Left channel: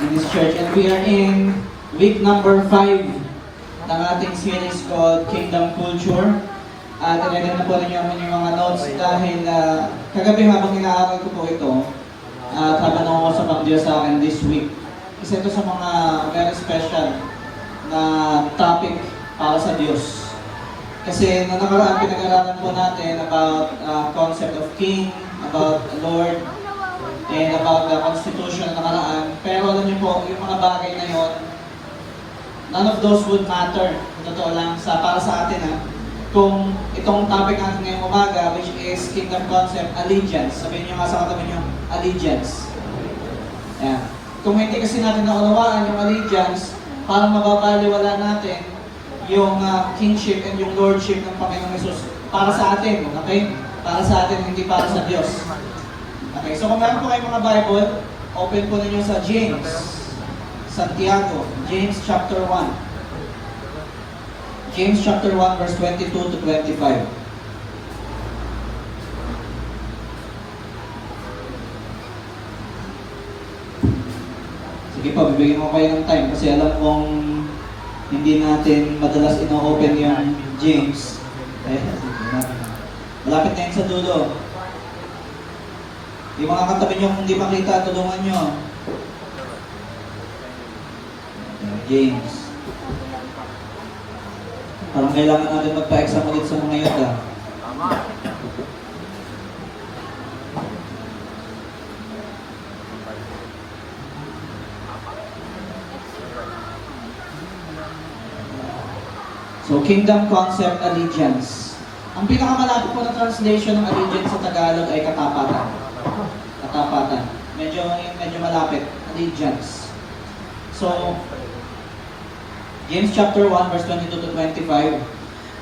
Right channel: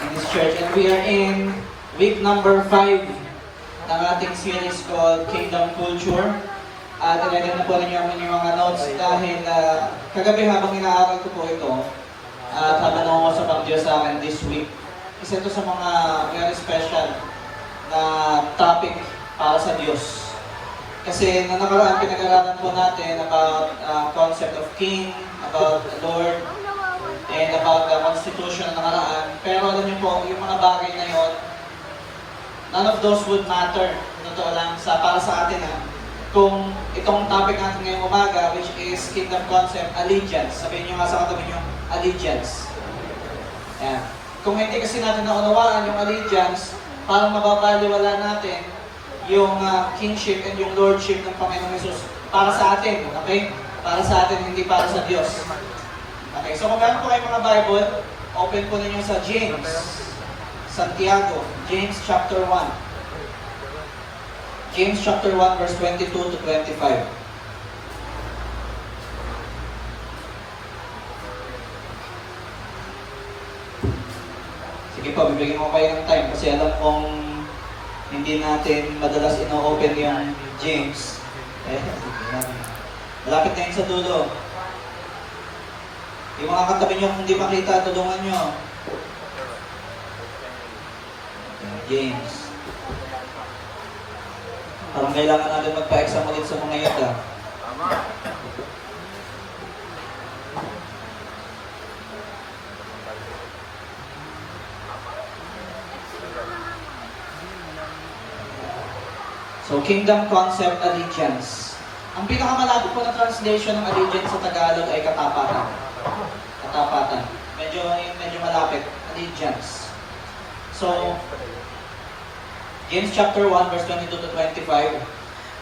in this church. And we are in week number 5 ng ating series called Kingdom Culture. At nilagyan na po ninyo ang inyong mga notes dahil kagabi habang inaaral ko po ito at habang nangungusap ang Diyos sa akin this week, isa ito sa mga very special na topic para sa Diyos. Kasi nung nakaraan pinag-aralan po natin about concept of king, about Lord, and about the constitution nakaraan. Pero alam niyo po, yung mga bagay na yun, none of those would matter. Totoo lang para sa atin ha. Kung itong topic natin ngayong umaga, which is kingdom concept, allegiance. Sabihin niyo nga sa katabi yung allegiance. Yan. Kung hindi kasi natin naunawaan yung allegiance, parang mababaliwala natin yung kingship and yung lordship ng Panginoon Jesus para sa atin, okay? Para sa atin, hindi para sa Diyos. Okay, so kung meron po kayo mga Bible, open po ninyo sa James, Santiago, James chapter 1. James chapter 1 verse 22 to 25. Sige po, bibigyan ko kayo ng time kasi alam kong hindi natin madalas ino-open yung James. Malapit na yun sa dulo. Yung mga katabi nyo kung di makita, tulungan nyo. James. Parang kailangan natin magpa-exam ulit sa mga yata. So, kingdom concept, allegiance. Ang pinakamalapit po na translation ng allegiance sa Tagalog ay katapatan. Katapatan. Medyo malapit. Allegiance. So, James chapter 1 verse 22 to 25.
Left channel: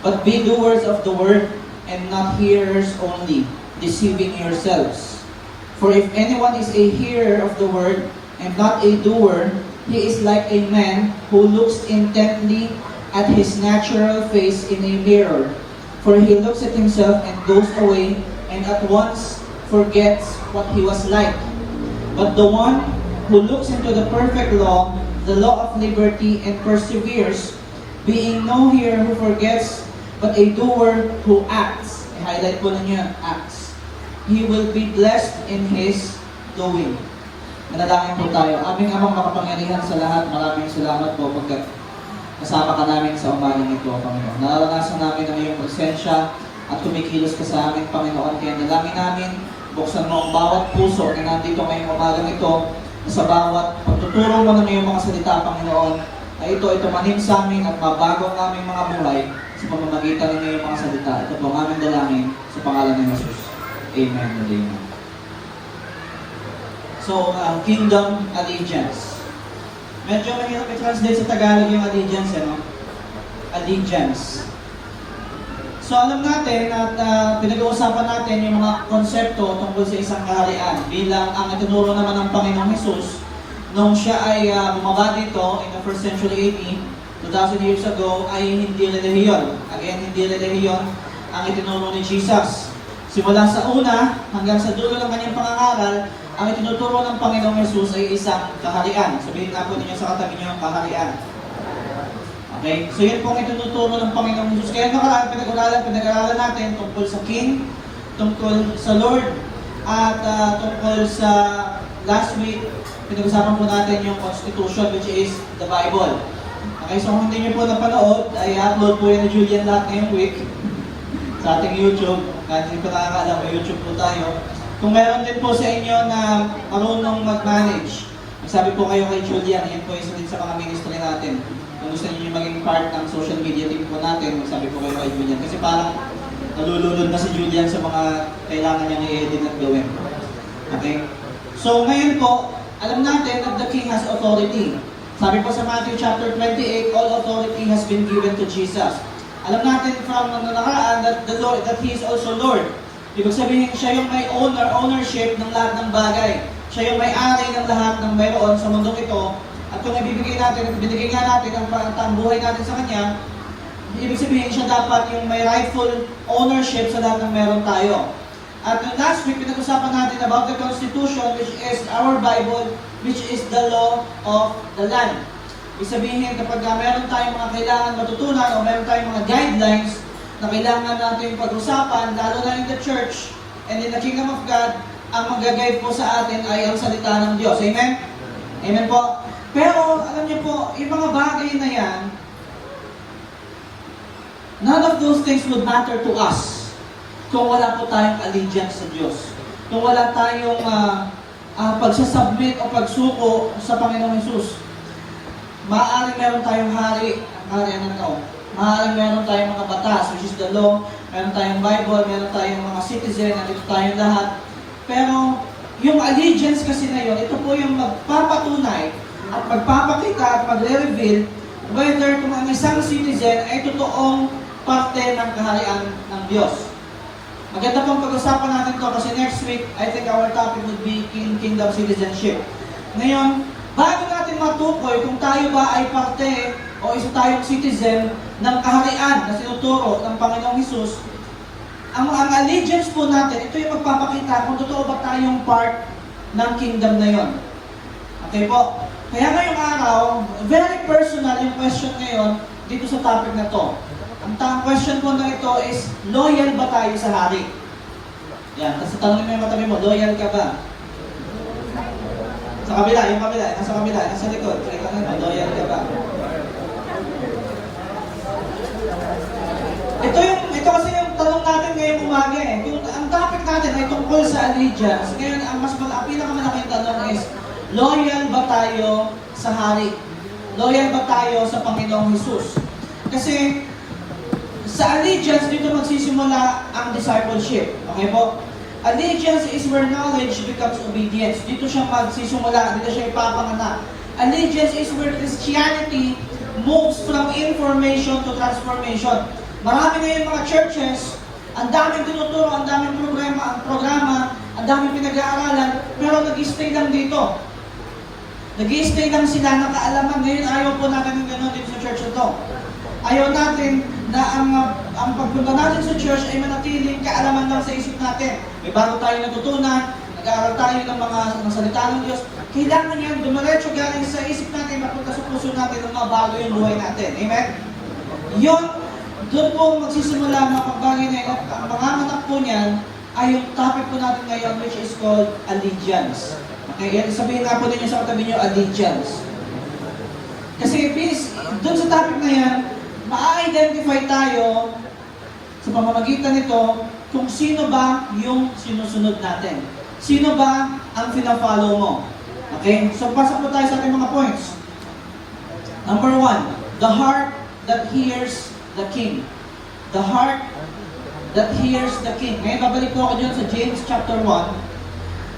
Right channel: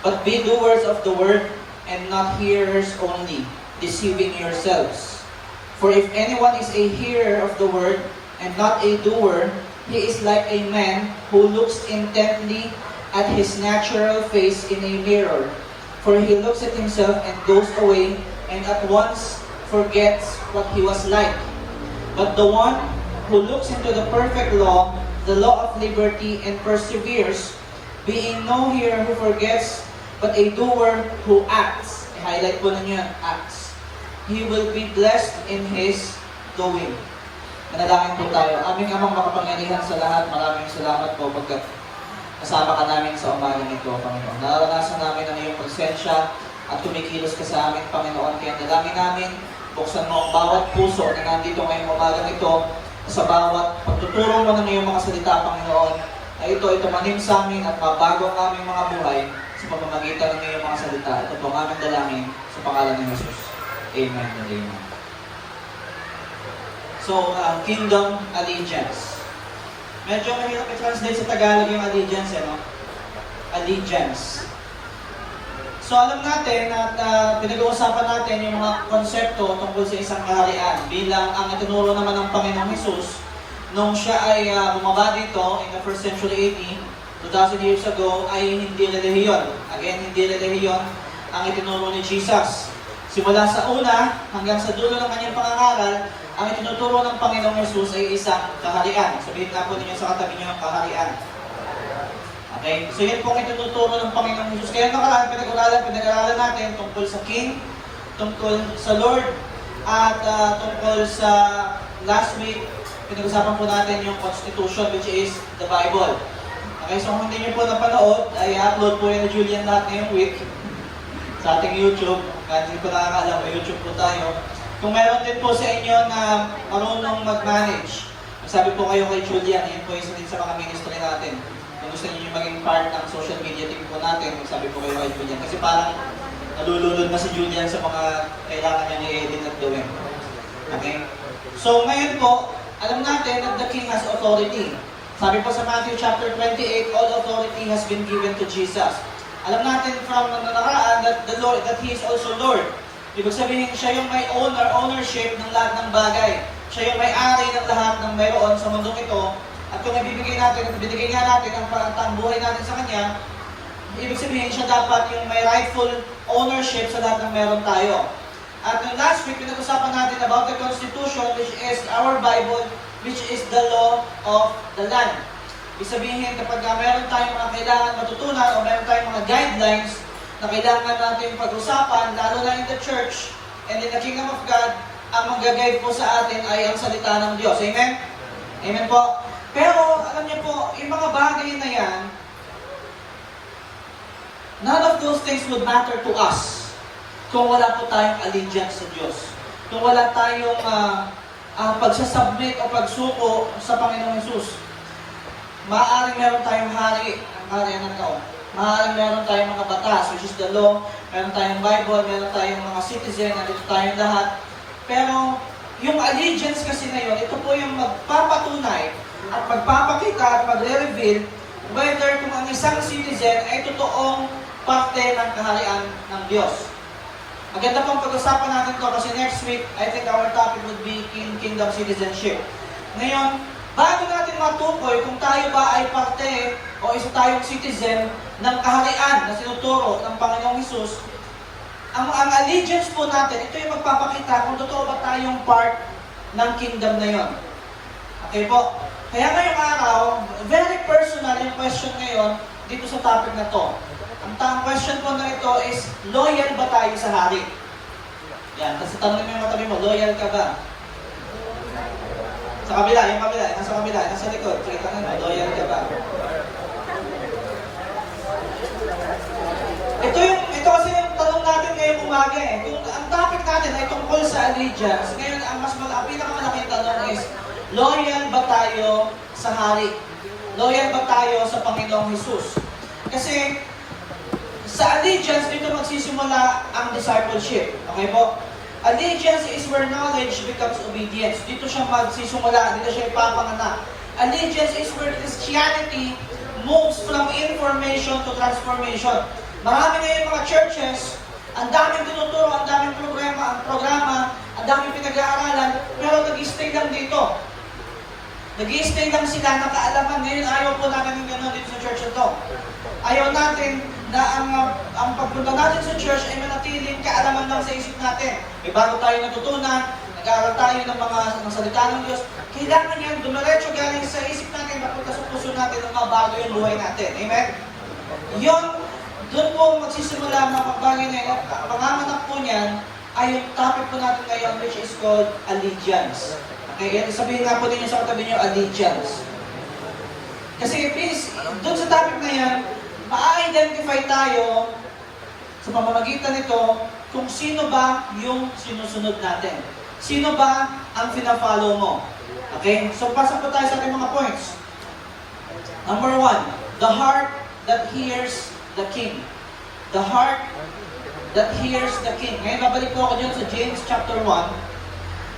But be doers of the word and not hearers only, deceiving yourselves. For if anyone is a hearer of the word and not a doer, he is like a man who looks intently at his natural face in a mirror. For he looks at himself and goes away and at once forgets what he was like. But the one who looks into the perfect law, the law of liberty, and perseveres, being no hearer who forgets, but a doer who acts. I-highlight ko na niyo yung acts. He will be blessed in his doing. Manalangin po tayo. Aming amang makapangyarihan sa lahat, maraming salamat po pagkat kasama ka namin sa umaga nito, Panginoon. Nararanasan namin ang iyong presensya at tumikilos ka sa amin, Panginoon. Kaya dalangin namin, buksan mo ang bawat puso na nandito ngayong umaga nito, sa bawat pagtuturo mo ng iyong mga salita, Panginoon, na ito manim sa amin at mabago ang aming mga buhay sa pamamagitan ng iyong mga salita. Ito po ang aming dalangin sa pangalan ng Jesus. Amen and amen. So, kingdom allegiance. Medyo mahirap i-translate sa Tagalog yung allegiance, allegiance. So alam natin at pinag-uusapan natin yung mga konsepto tungkol sa isang kaharian bilang ang itinuro naman ng Panginoong Jesus nung siya ay bumaba dito in the 1st century AD, 2,000 years ago, ay hindi relihiyon. Again, hindi relihiyon ang itinuro ni Jesus. Simula sa una hanggang sa dulo ng kanyang pangangaral, ang itinuturo ng Panginoong Jesus ay isang kaharian. Sabihin nga po ninyo sa katabi niyo ang kaharian. Okay? So yun pong itinuturo ng Panginoong Jesus. Kaya nakaraan, pinag-aralan natin tungkol sa King, tungkol sa Lord, at tungkol sa last week, pinag-usapan po natin yung Constitution, which is the Bible. Okay, so kung hindi nyo po napanood, ay upload po yun ni Julian lahat ngayong week sa ating YouTube. Kahit hindi ko nakakaalam, may YouTube po tayo. Kung meron din po sa inyo na marunong mag-manage, sabi po kayo kay Julian, yan po isa din sa mga ministry natin. Kung gusto niyo maging part ng social media team po natin, sabi po kayo kay Julian. Kasi parang nalulunod na si Julian sa mga kailangan niyang i-edit at gawin. Okay? So ngayon po, alam natin that the King has authority. Sabi po sa Matthew chapter 28, all authority has been given to Jesus. Alam natin from ang nakaraan that the Lord, that He is also Lord. Ibig sabihin, siya yung may ownership ng lahat ng bagay. Siya yung may-ari ng lahat ng meron sa mundong ito. At kung binigay nga natin ang buhay natin sa Kanya, ibig sabihin siya dapat yung may rightful ownership sa lahat ng meron tayo. At last week, pinag-usapan natin about the Constitution, which is our Bible, which is the law of the land. Ibig sabihin, kapag meron tayong mga kailangan matutunan o meron tayong mga guidelines na kailangan natin pag-usapan, lalo na in the church and in the kingdom of God, ang mag-guide po sa atin ay ang salita ng Diyos. Amen? Amen po. Pero alam niyo po, yung mga bagay na yan, none of those things will matter to us kung wala po tayong allegiance sa Diyos. Kung wala tayong pagsasubmit o pagsuko sa Panginoong Jesus. Maaaring meron tayong hari, maaaring meron tayong mga batas, which is the law, meron tayong Bible, meron tayong mga citizen, ito tayong lahat. Pero yung allegiance kasi na yun, ito po yung magpapatunay at magpapakita at magre-reveal whether kung ang isang citizen ay totoong parte ng kaharian ng Diyos. Maganda pong pag-usapan natin ito kasi next week, I think our topic would be kingdom citizenship. Ngayon, bago natin matukoy kung tayo ba ay parte o isa tayong citizen ng kaharian na sinuturo ng Panginoong Hesus, ang allegiance po natin, ito yung magpapakita kung totoo ba tayong part ng kingdom na yon. Okay po? Kaya ngayong araw, very personal yung question ngayon dito sa topic na to. Ang question po na ito is, loyal ba tayo sa hari? Yan, kasi tanongin mo yung matabi mo, loyal ka ba? Sa kabila, yung kabila, nasa kabila, nasa likod, loyal ka ba? Ito kasi yung tanong natin ngayong umaga eh. Kung ang topic natin ay tungkol sa allegiance, ngayon ang pinakamalaking tanong is, loyal ba tayo sa hari? Loyal ba tayo sa Panginoong Hesus? Kasi sa allegiance, dito magsisimula ang discipleship. Okay po? Allegiance is where knowledge becomes obedience. Dito siya magsisimula, dito siya ipapanganak. Allegiance is where Christianity moves from information to transformation. Marami ngayon mga churches, ang daming tinuturo, ang daming programa, ang daming pinag-aaralan, pero nag-stay lang dito. Nag-stay lang sila ng kaalaman. Ngayon ayaw po natin yung gano'n dito sa church ito. Ayaw natin na ang pagpunta natin sa church ay manatiling kaalaman lang sa isip natin. May bago tayo natutunan, nag-aaral tayo ng mga salita ng Diyos. Kailangan yan dumiretso galing sa isip natin, napunta sa puso natin ang mabago yung buhay natin. Amen? Yun, doon po magsisimula ang mga pagbagay na yan. Ang panganganak po niyan ay yung topic po natin ngayon, which is called allegiance. Okay, kaya sabihin nga po ninyo sa katabi nyo, allegiance. Kasi please, doon sa topic na yan, ma-identify tayo sa pamamagitan nito kung sino ba yung sinusunod natin. Sino ba ang pina-follow mo? Okay, so pasok po tayo sa ating mga points. Number 1, the heart that hears the king. The heart that hears the king. Ngayon, babalik po ako dyan sa James chapter 1.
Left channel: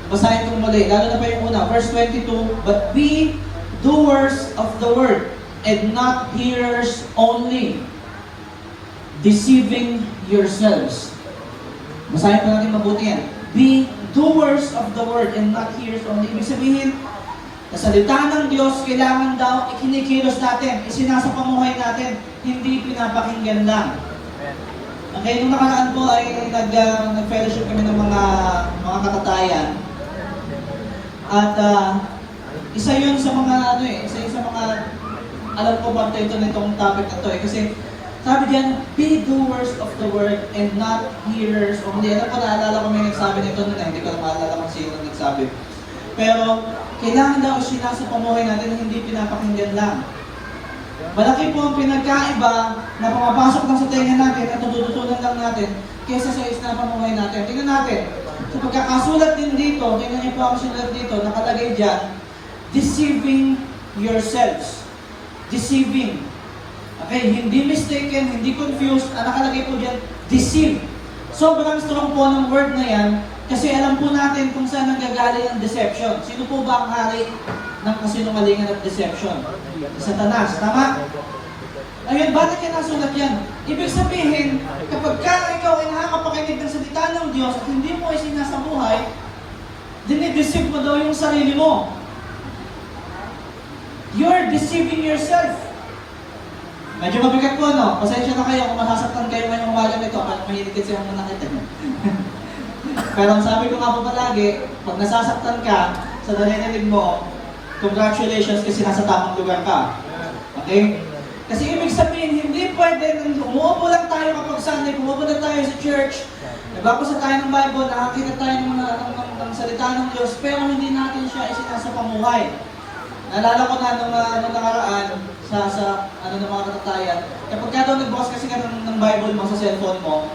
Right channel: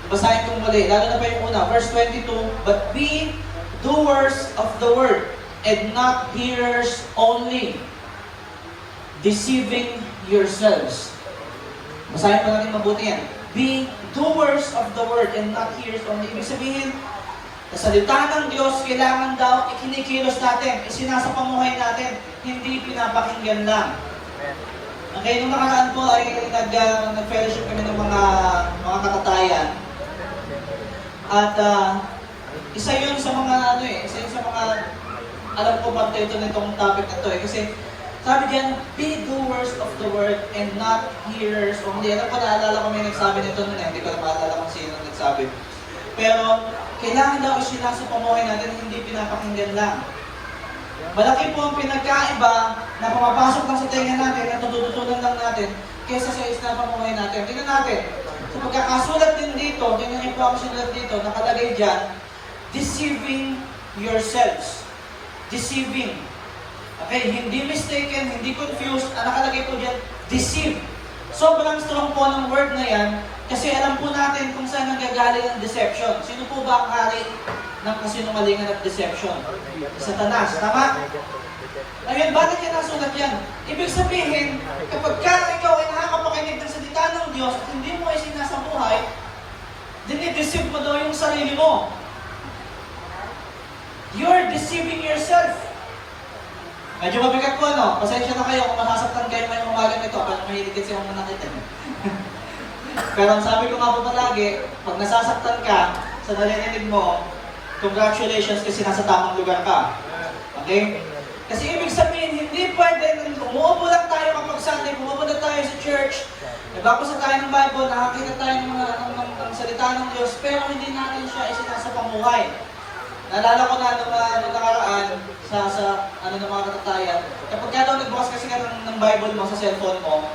Basahin itong mali. Lalo na pa yung una. Verse 22, but be doers of the word, and not hearers only, deceiving yourselves. Basahin pa natin mabuti yan. Be doers of the word, and not hearers only. Ibig sabihin, sa salita ng Diyos, kailangan daw ikinikilos natin, isinasa pamuhay natin, hindi pinapakinggan lang. Okay, nung nakaraan po ay nag-fellowship kami ng mga kakatayan. At isa yun sa mga alam ko ba nitong topic na to eh. Kasi sabi diyan, be doers of the word and not hearers only. Alam ko, naalala ko may nagsabi nito nun eh. Hindi ko na maalala kung sino nagsabi. Pero kailangan daw isinasa pamuhay natin na hindi pinapakinggan lang. Malaki po ang pinagkaiba na pumapasok lang sa tenga natin at tututunan lang natin kaysa sa isang pamuhay natin. Tingnan natin. So pagkakasulat din dito, tingnan niyo po ang sulat dito, nakalagay dyan, deceiving yourselves. Deceiving. Okay, hindi mistaken, hindi confused, ang nakalagay po dyan, deceive. Sobrang strong po ng word na yan, kasi alam po natin kung saan nanggagaling ang deception. Sino po ba ang hari ng kasinungalingan at deception? Satanas, tama? Ayun, bakit yan ang sulat yan? Ibig sabihin, kapag ikaw ay nakakapakinig ng salita ng Diyos at hindi mo ay sinasabuhay, dinideceive mo daw yung sarili mo. You're deceiving yourself. Medyo mabigat po, no? Pasensya na kayo kung masasaktan kayo ngayong umaga nito, parang mahilig kasi yung muna natin. Pero ang sabi ko nga po palagi, pag nasasaktan ka sa narinig mo, congratulations kasi nasa tamang lugar ka. Okay? Kasi ibig sabihin, hindi pwede, umuupo lang tayo kapag Sunday, umuupo lang tayo sa church, nagbabasa tayo ng Bible, nakakita tayo ng salita ng Diyos, pero hindi natin siya isinasapamuhay. Naalala ko na nung nakaraan sa ng mga katatayan, kapag ka daw nagbukas kasi ka ng Bible mo sa cellphone mo,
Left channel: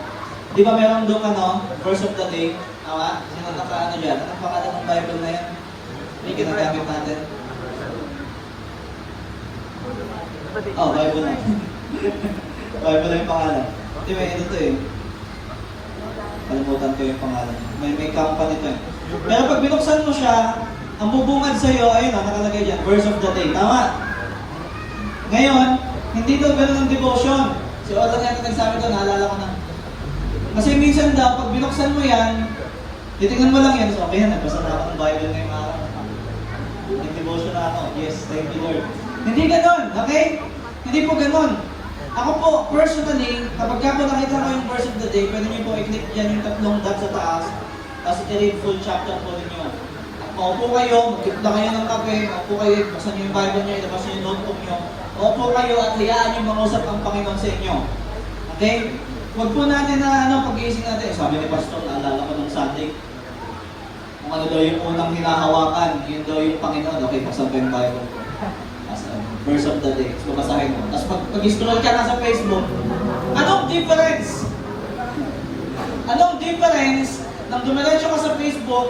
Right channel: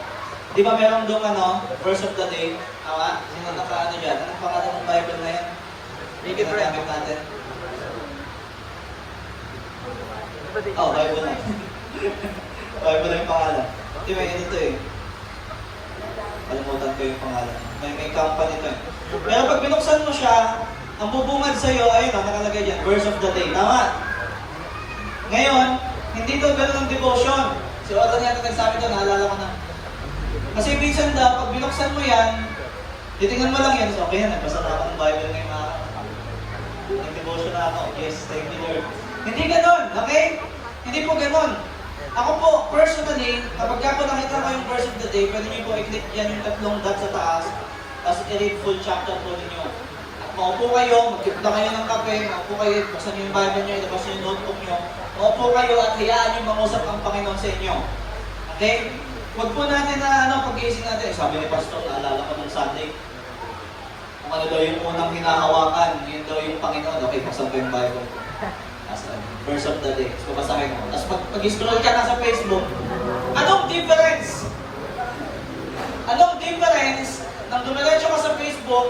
di ba meron doon verse of the day, tama? Sino ang pangalan dyan? Anong pangalan ng Bible na yan? Yung ginagamit natin. Oh, Bible na. Bible na yung pangalan. Hindi, may ganito eh. Kalimutan ko yung pangalan. May company nito eh. Pero pag binuksan mo siya, ang bubungad sa'yo, ayun, nakalagay dyan, verse of the day. Tama? Ngayon, hindi doon ganun ang devotion. Si Rodan yata nagsabi doon, naalala ko na. Kasi minsan daw, pag binuksan mo yan, titignan mo lang yan. So, okay, nagbasa na ako ng Bible ngayong araw. Nag-devotion na ako. Yes, thank you Lord. Hindi ganun, okay? Hindi po ganun. Ako po, personally, kapag ako nakita mo yung verse of the day, pwede niyo po i-click dyan yung tatlong dot sa taas, tapos i-read full chapter po ninyo. Opo kayo, magtipla kayo ng kape, opo kayo, buksan yung Bible nyo, ilabas yung notebook nyo. Opo kayo at hayaan yung mangusap ang Panginoon sa inyo. Okay? Huwag po natin na pag-iisip natin. Sabi ni Pastor, naalala ko ng Sunday, kung ano daw yung unang hinahawakan, yun daw yung Panginoon. Okay, buksan po yung Bible. Verse of the day. So, basahin mo. Tapos pag-scroll ka na sa Facebook, anong difference? Anong difference nang dumiretso ka sa Facebook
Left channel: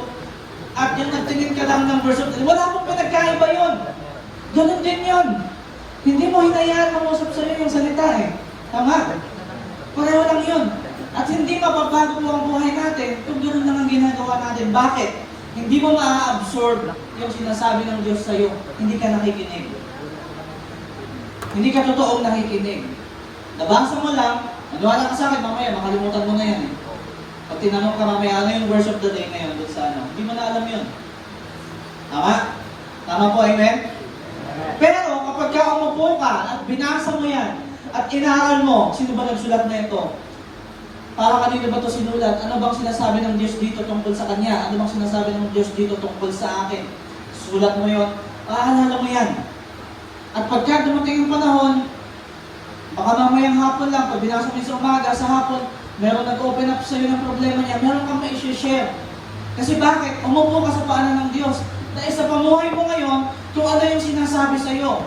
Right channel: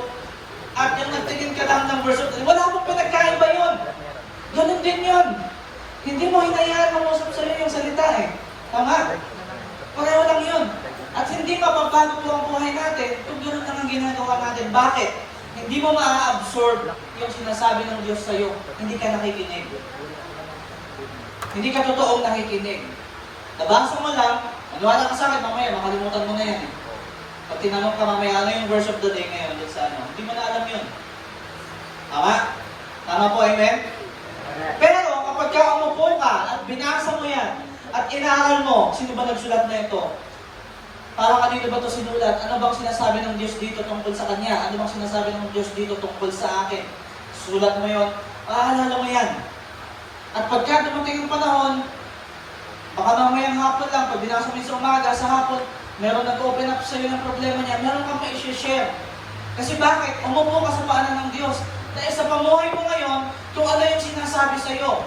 at yung nagtingin ka lang ng verse of the day? Wala mong pinagkaiba yun. Ganun din yun. Hindi mo hinayaan ang usap sa'yo yung salita eh. Tama? Pareho lang yun. At hindi mababago po ang buhay natin kung gano'n naman ginagawa natin. Bakit? Hindi mo ma-absorb yung sinasabi ng Diyos sa'yo. Hindi ka nakikinig. Hindi ka totoong nakikinig. Nabasa mo lang, maniwala ka sa akin, mamaya makalimutan mo na yan eh. Pag tinanong ka mamaya, ano yung verse of the day ngayon dun sana? Hindi mo na alam yun. Tama? Tama po, amen? Pero kapag ka umupo ka at binasa mo yan, at inaaral mo, sino ba nagsulat na ito? Para kanino ba ito sinulat? Ano bang sinasabi ng Diyos dito tungkol sa Kanya? Ano bang sinasabi ng Diyos dito tungkol sa akin? Sulat mo yun, aalala mo yan. At pagka dumating yung panahon, baka mamayang hapon lang, pag binasa mo sa umaga, sa hapon, meron nag-open up sa'yo ng problema niya, meron kang mai-share. Kasi bakit? Umupo ka sa paanan ng Diyos. Dahil sa pamuhay mo ngayon, kung ano yung sinasabi sa'yo.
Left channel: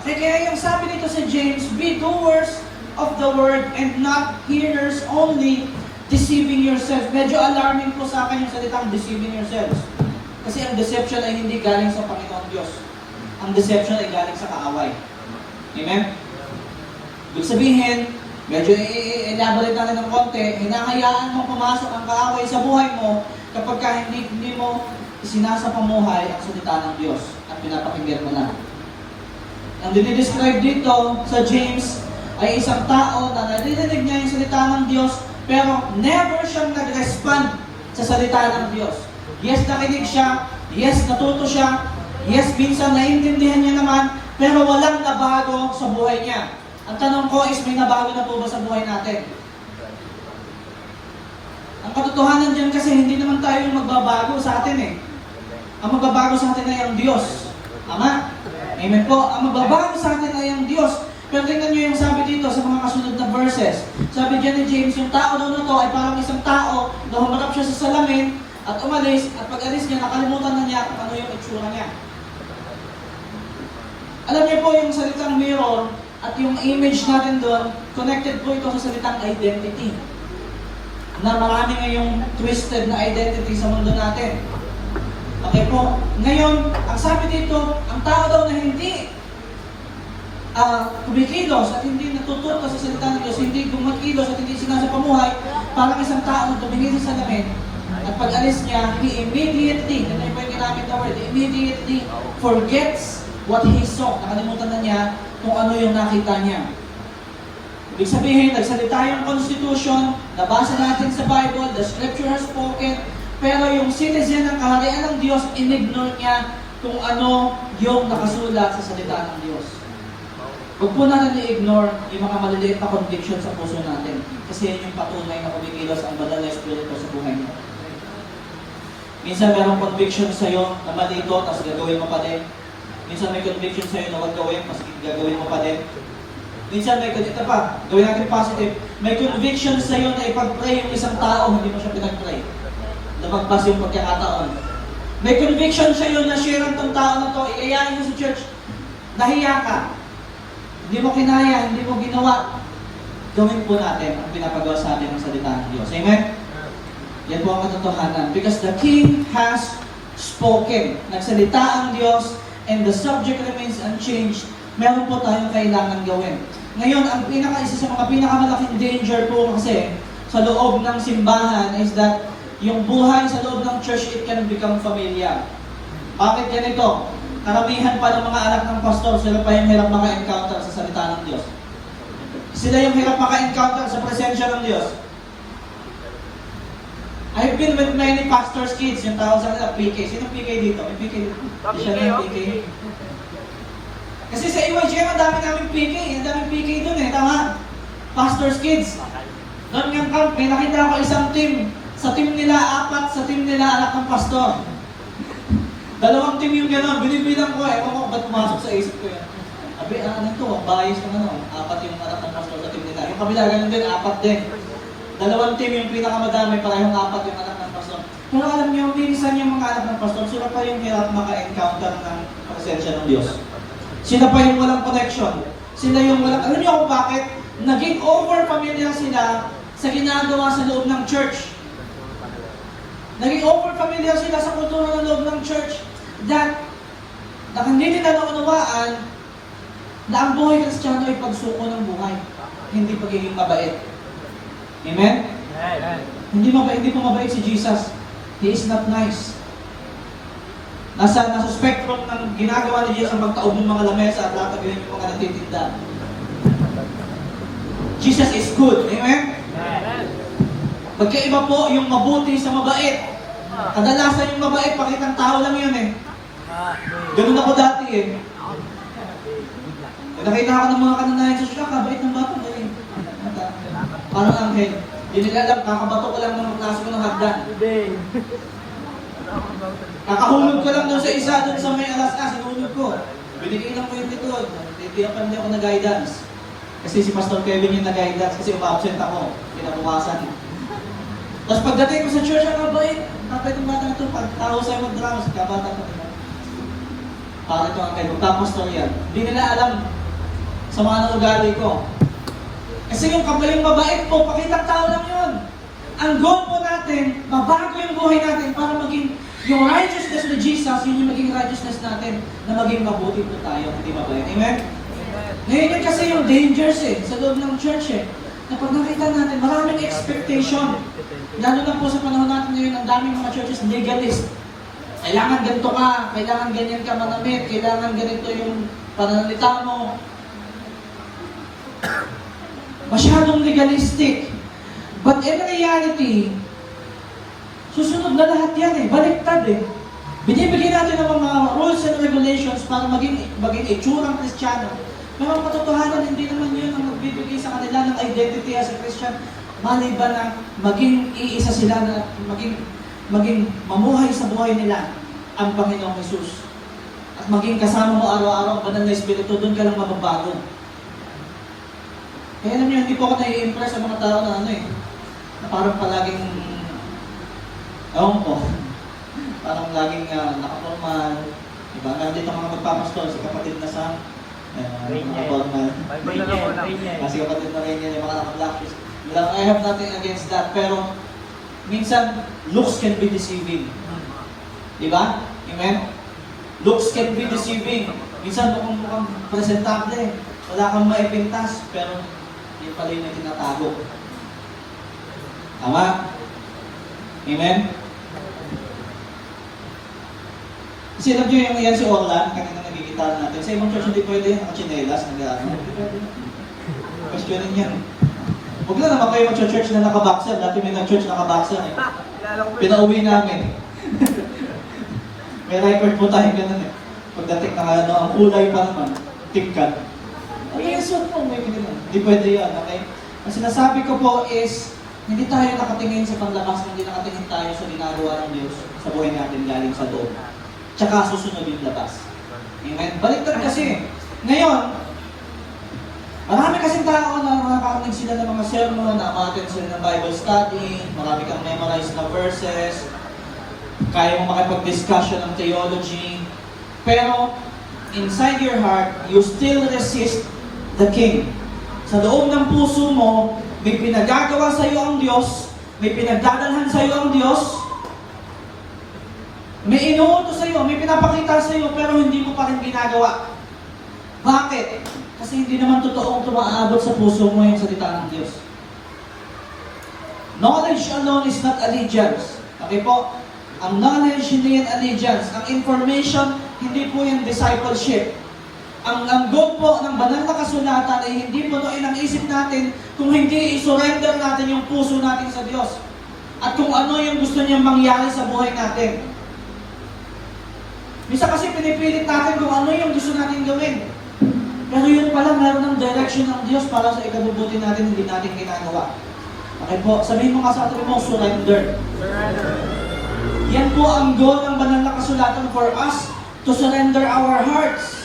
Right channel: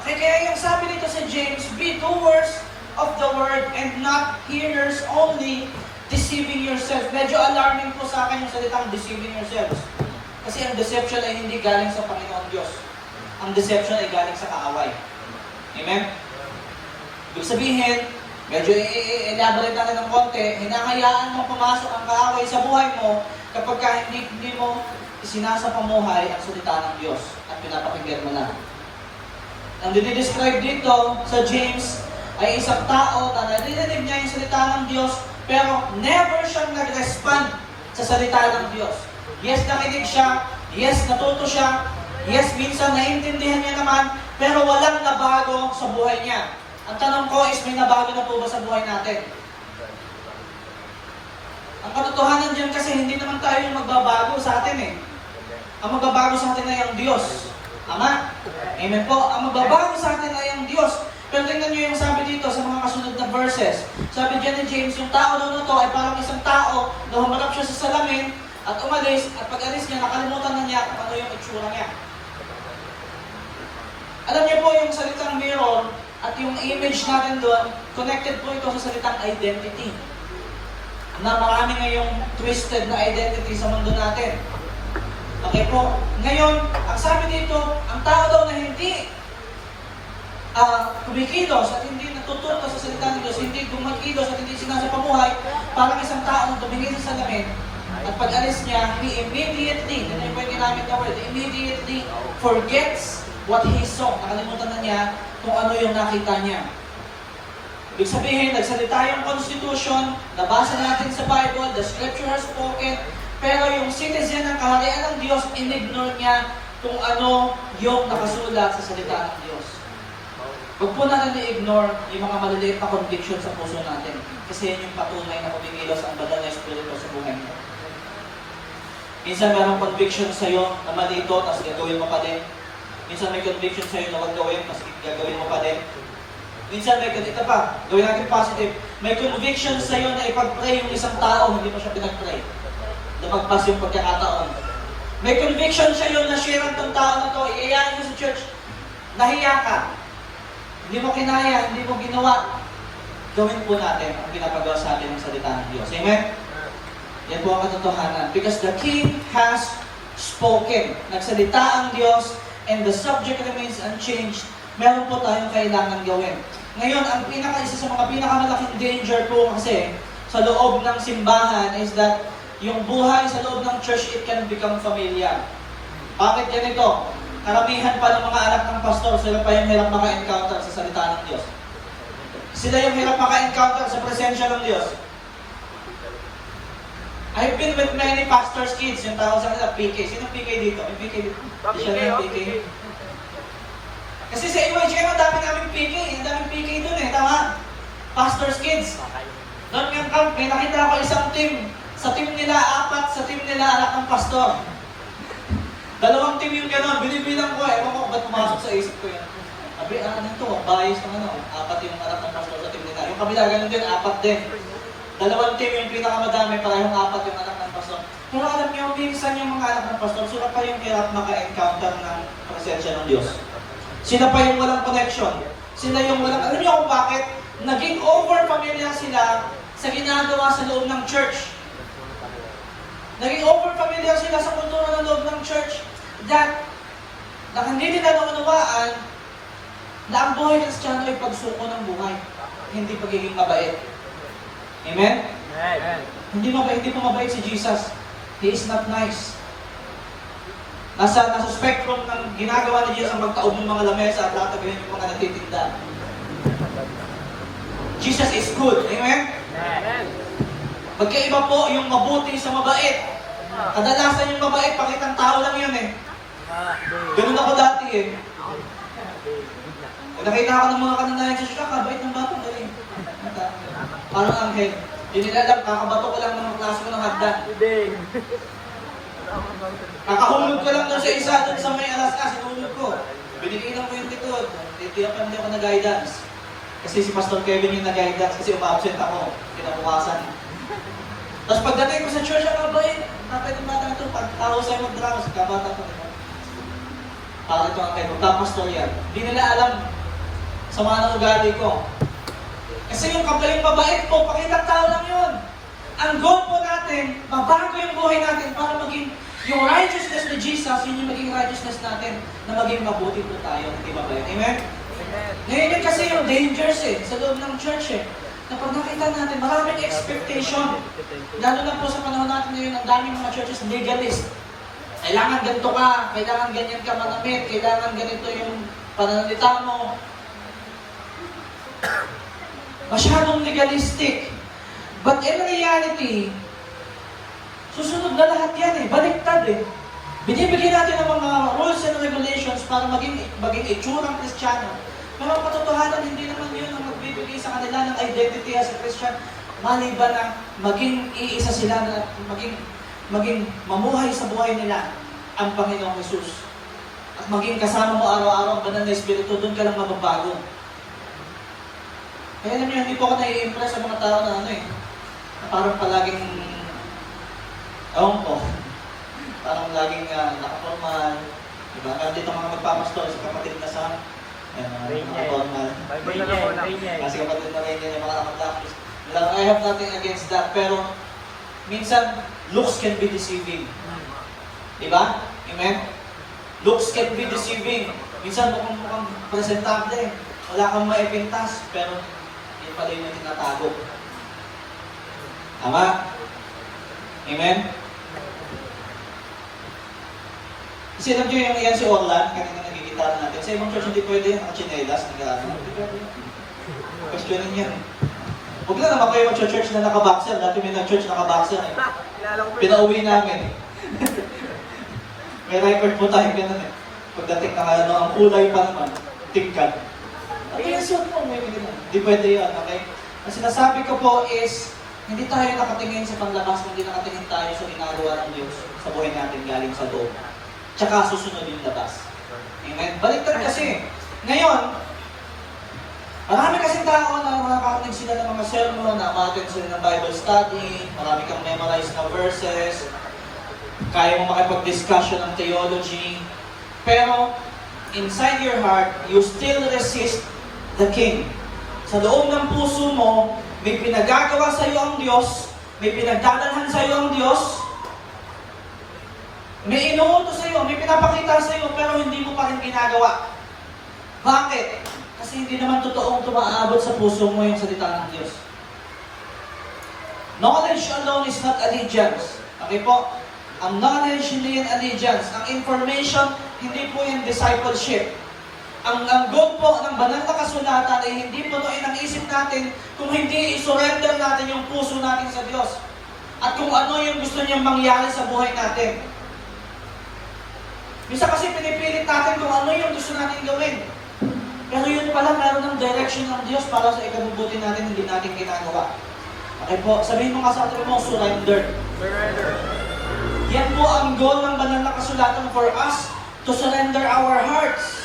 Okay, kaya yung sabi nito sa James, be doers of the word and not hearers only, deceiving yourself. Medyo alarming po sa akin yung salitang deceiving yourselves. Kasi ang deception ay hindi galing sa Panginoon Diyos. Ang deception ay galing sa kaaway. Amen? Ibig sabihin, medyo i-elaborate natin ng konti, hinahayaan mo pumasok ang kaaway sa buhay mo kapag hindi mo sinasapamuhay ang salita ng Diyos at pinapakinggan mo na. Ang dinidescribe dito sa James ay isang tao na narinig niya yung salita ng Diyos pero never siyang nag-respond sa salita ng Diyos. Yes, nakinig siya. Yes, natuto siya. Yes, minsan naiintindihan niya naman, pero walang nabago sa buhay niya. Ang tanong ko is, may nabago na po ba sa buhay natin? Ang katotohanan dyan kasi, hindi naman tayo yung magbabago sa atin eh. Ang magbabago sa atin ay ang Diyos. Tama? Amen po. Ang magbabago sa atin ay ang Diyos. Pero tingnan niyo yung sabi dito sa mga kasunod na verses. Sabi dyan ni James, yung tao na ito ay parang isang tao na humarap siya sa salamin at umalis, at pag-alis niya, nakalimutan na niya kung ano yung itsura niya. Alam niyo po yung salitang mirror at yung image natin doon, connected po itong salitang identity. Na marami ngayong twisted na identity sa mundo natin. Okay po. Ngayon, ang sabi dito, ang tao daw na hindi kumikilos at hindi natututo sa salita ng Diyos, hindi kumakilos at hindi sinasapamuhay, parang isang tao na tumingin sa salamin at pag-alis niya, he immediately, ano yung may ginamit na word, immediately forgets what he saw. Nakalimutan na niya kung ano yung nakita niya. Ibig sabihin, nagsalita yung Constitution, nabasa natin sa Bible, the Scripture has spoken, pero yung citizen ng kaharian ng Diyos, in-ignore niya kung ano yung nakasulat sa salita ng Diyos. Huwag po natin i-ignore yung mga maliliit na conviction sa puso natin. Kasi yun yung patunay na kumikilos ang banal na espiritu sa buhay niya. Minsan mayroong conviction sa'yo na mali ito, tapos gagawin mo pa din. Minsan may conviction sa'yo na huwag gawin, tapos gagawin mo pa din. Minsan may ganito pa, gawin natin positive. May conviction sa'yo na ipag-pray yung isang tao, hindi mo siya pinag-pray. Na magpas yung pagkakataon. May conviction sa'yo na share ng tao na ito, iiyayin mo sa church. Nahiya ka. Hindi mo kinaya, hindi mo ginawa. Gawin po natin ang pinapagawa sa atin ng salita ng Diyos. Amen? Yan po ang katotohanan. Because the King has spoken. Nagsalita ang Diyos and the subject remains unchanged. Meron po tayong kailangan gawin. Ngayon, ang isa sa mga pinakamalaking danger po kasi sa loob ng simbahan is that yung buhay sa loob ng church, it can become familiar. Bakit yan ito? Karamihan pa ng mga anak ng pastor, sila pa yung hirap maka-encounter sa salita ng Diyos. Sila yung hirap maka-encounter sa presensya ng Diyos. I've been with many pastors' kids, yung tawag sa mga PK. Sino PK dito? May PK dito? Siya na yung PK. Kasi sa EYJ, ang dami namin PK. Ang dami PK dun eh, tama? Pastors' kids. Noong yung camp, nakita ko isang team. Sa team nila, 4, sa team nila, anak ng pastor. 2 team yung gano'n, binibilang ko eh. Ako ba't pumasok sa isip ko yan? Sabi, ano to, ang bias ko ano, 4 yung anak ng pastor sa team nila. Yung kabila, ganun din, 4 din. 2 team yung pinakamadami, parehong 4 yung anak ng pastor. Kung alam niyo, minsan yung mga anak ng pastor, sila pa yung hirap maka-encounter ng presensya ng Diyos. Sila pa yung walang connection. Sila yung walang, alam niyo kung bakit? Naging over-familiar sila sa ginagawa sa loob ng church. Naging over-familiar sila sa kultura ng loob ng church that hindi nila naunawaan na ang buhay Kristiyano ay pagsuko ng buhay, hindi pagiging mabait. Amen? Hindi po mabait si Jesus. He is not nice. Nasa spectrum ng ginagawa ni Jesus ang magkaob ng mga lamesa at lahat ng mga natitinda. Jesus is good. Amen? Magkaiba po yung mabuti sa mabait. Kadalasan yung mabait, pakitang tao lang yun eh. Ganun ako dati eh. Nakita ako ng mga kananayan sa siya, kabait ng bato. Parang anghel. Hindi nila alam, kakabato ko lang ng magtaas ko ng hagdan. Kakahulog ko lang doon sa isa, doon sa may alas na, sinulog ko. Binigyan ko yung likod. Hindi na pa ako na guidance. Kasi si Pastor Kevin yung na-guidance kasi absent ako. Pinabukasan. Tapos pagdating ko sa church, nakabait. Nakabait yung mga ito, pagtao sa yung drama, sa kabata ko. Para ito ang may Pastor yan. Hindi nila alam sa mga ugali ko. Kasi yung kabaling mabait po, pakitang tao lang yun. Ang goal po natin, mabago yung buhay natin para maging yung righteousness ni Jesus, yun yung maging righteousness natin na maging mabuti po tayo, hindi mabait. Amen? Ngayon yun kasi yung dangers eh, sa loob ng church eh. Na pag nakita natin, maraming expectation. Lalo na po sa panahon natin ngayon, ang daming mga churches legalist. Kailangan ganito ka, kailangan ganyan ka manamit, kailangan ganito yung pananalita mo. Masyadong legalistic. But in reality, susunod na lahat yan eh, baliktad eh. Binibigyan natin ng mga rules and regulations para maging itsurang Kristiyano. Pero ang katotohanan, hindi naman yun ang magbibigay sa kanila ng identity as a Christian. Maliban na maging iisa sila na maging mamuhay sa buhay nila ang Panginoong Jesus. At maging kasama mo araw-araw ang banal na Espiritu, doon ka lang magbabago. Kaya alam niyo, hindi po ako nai-impress sa mga tao na ano eh, na parang palaging, parang laging nakanormal, diba? Nandito mga magpapastol sa kapatid na sa, mga normal. Kasi kapatid na rin yung mga anak-lapis. I have nothing against that, pero minsan, looks can be deceiving. Diba? Amen? Looks can be deceiving. Minsan, mukhang presentable, wala kang maipintas, pero hindi pala yung tinatago. Tama? Amen? Kasi alam nyo yung nangyari si Orlan, kanina nagkikita natin. Sa ibang church, hindi pwede ang chinelas, hindi pwede. Questionin yan eh. Huwag na naman kayo mag-church na nakaboxer. Dati may na-church nakaboxer eh. Pinauwi namin. May record po tayo ganun eh. Pagdating na ang kulay pa naman, tingkad. Ano yung suot mo? Hindi pwede yan, okay? Ang sinasabi ko po is, hindi tayo nakatingin sa panglabas, hindi nakatingin tayo sa ginagawa ng Diyos sa buhay natin galing sa loob. Tsaka susunod yung labas. Amen? Baliktad kasi. Ngayon, marami kasing tao na nakakating sila ng mga sermon, na-attend sila ng Bible study, marami kang memorize na verses, kaya mong makipag-discussion ng theology, pero inside your heart, you still resist the King. Sa loob ng puso mo, may pinagagawa sa iyo ang Diyos, may pinagdadalhan sa iyo ang Diyos, may inuutos sa iyo, may pinapakita sa iyo, pero hindi mo pa rin ginagawa. Bakit? Kasi hindi naman totoong tumaabot sa puso mo yung salita ng Diyos. Knowledge alone is not allegiance. Okay po? Ang knowledge hindi yung allegiance. Ang information, hindi po yung discipleship. Ang langgong po ng banal na kasulatan ay hindi po ang isip natin kung hindi i-surrender natin yung puso natin sa Diyos. At kung ano yung gusto niyang mangyari sa buhay natin. Minsan kasi pinipilit natin kung ano yung gusto natin gawin. Pero yun pala, meron ng direction ng Diyos para sa ikabubuti natin, hindi natin ginagawa. Okay po, sabihin mo kasama mo, surrender. Yan po ang goal ng banal na kasulatan for us to surrender our hearts.